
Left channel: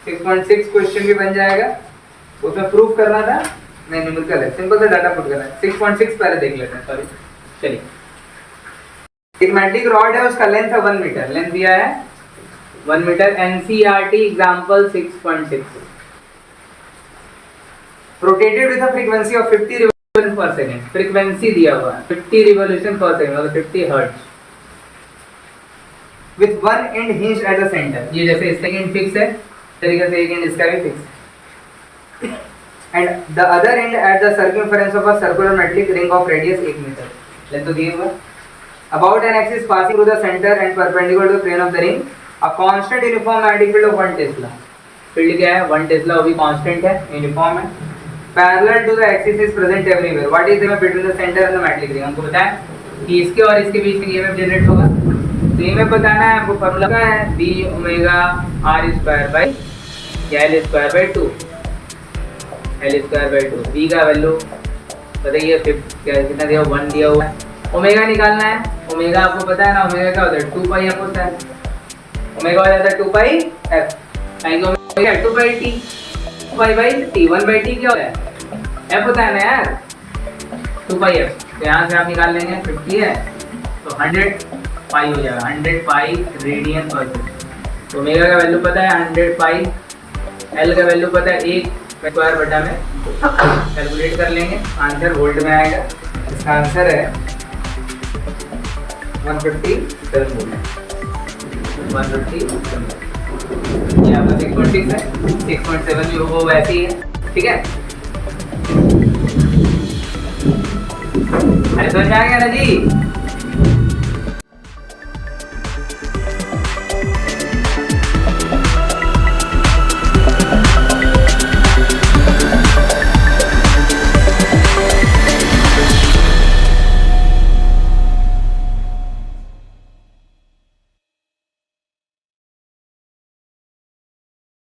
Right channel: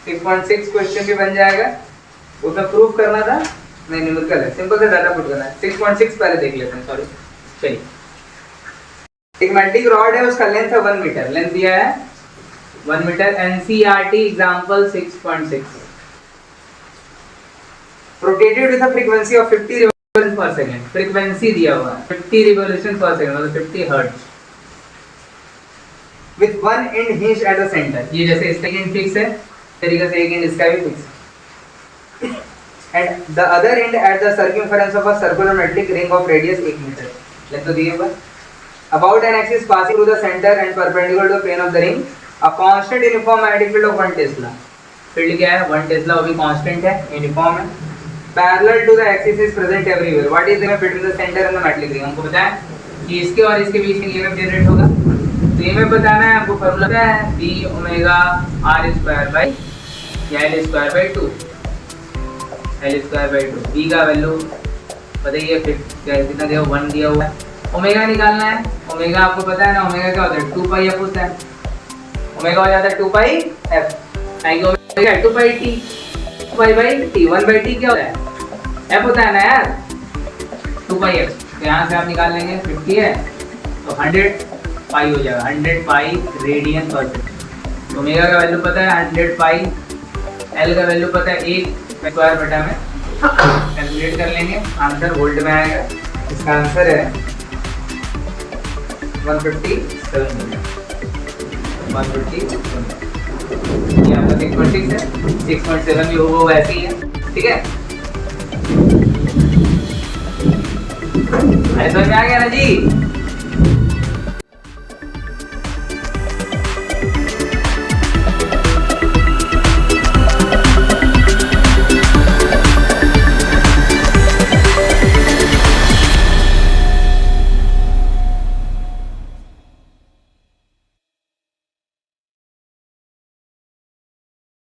6.6 क्वेश्चन भी बन जाएगा, उसमें प्रूफ करना था, नहीं न्यूमेरिकल है, सिंपल सा डाटा पुट करना है। 6.6 पहले देख लेते हैं, सॉरी चलिए। एक मैग्नेटिक रॉड है, उसका लेंथ है 1 मीटर, लेंथ दिया है 1 metre, NCERT example 6.6, rotated with a frequency of 50 revolution per second, frequency दिया हुआ है 50 रिवॉल्यूशन पर सेकंड, मतलब 50 hertz, with one end hinge at the centre, ये जैसे इसका एंड फिक्स है तरीके से एक एंड इसका भी फिक्स है, and the other end at the circumference of a circular metallic ring of radius 1 metre, length तो दिया हुआ है, about an axis passing through the center and perpendicular to the plane of the ring, a constant uniform magnetic field of 1 tesla, field क्या है 1 Tesla, वो भी constant है, uniform है, parallel to the axis is present everywhere, what is the between the centre and the magnetic ring, हमको बताया कि इसके और इसके बीच में ईएमएफ जनरेट होगा, तो ईएमएफ बताना है आपको, फार्मूला क्या है, b omega r square by या l square by 2, l square by 2, b का वैल्यू बताइए कितना दिया, 1 दिया हुआ है, ओमेगा निकालना है, ओमेगा आपको पता है ना, ओमेगा क्या होता है 2 पाई f होता है, ओमेगा हो जाता है 2 पाई f, आएंगे omega 2 pi t, 2 pi by t, 1 by t क्या होता है f होता है ना यार, 2 पाई f, तो यहाँ से आप निकाल लेंगे 50 है तो 100 पाई हो जाएगा, 100 पाई रेडियन पर सेकंड, ओमेगा का वैल्यू पता है 100 पाई, l का वैल्यू पता है 1 स्क्वायर बटा में, कैलकुलेट कर लेंगे, आंसर वोल्ट में आएगा, इसका आंसर है 157 वोल्ट, 157, ये आपका 6.6 है, 6.7 भी वो वैसे ही है, ठीक है, अरे समझ में आ गया ना जी।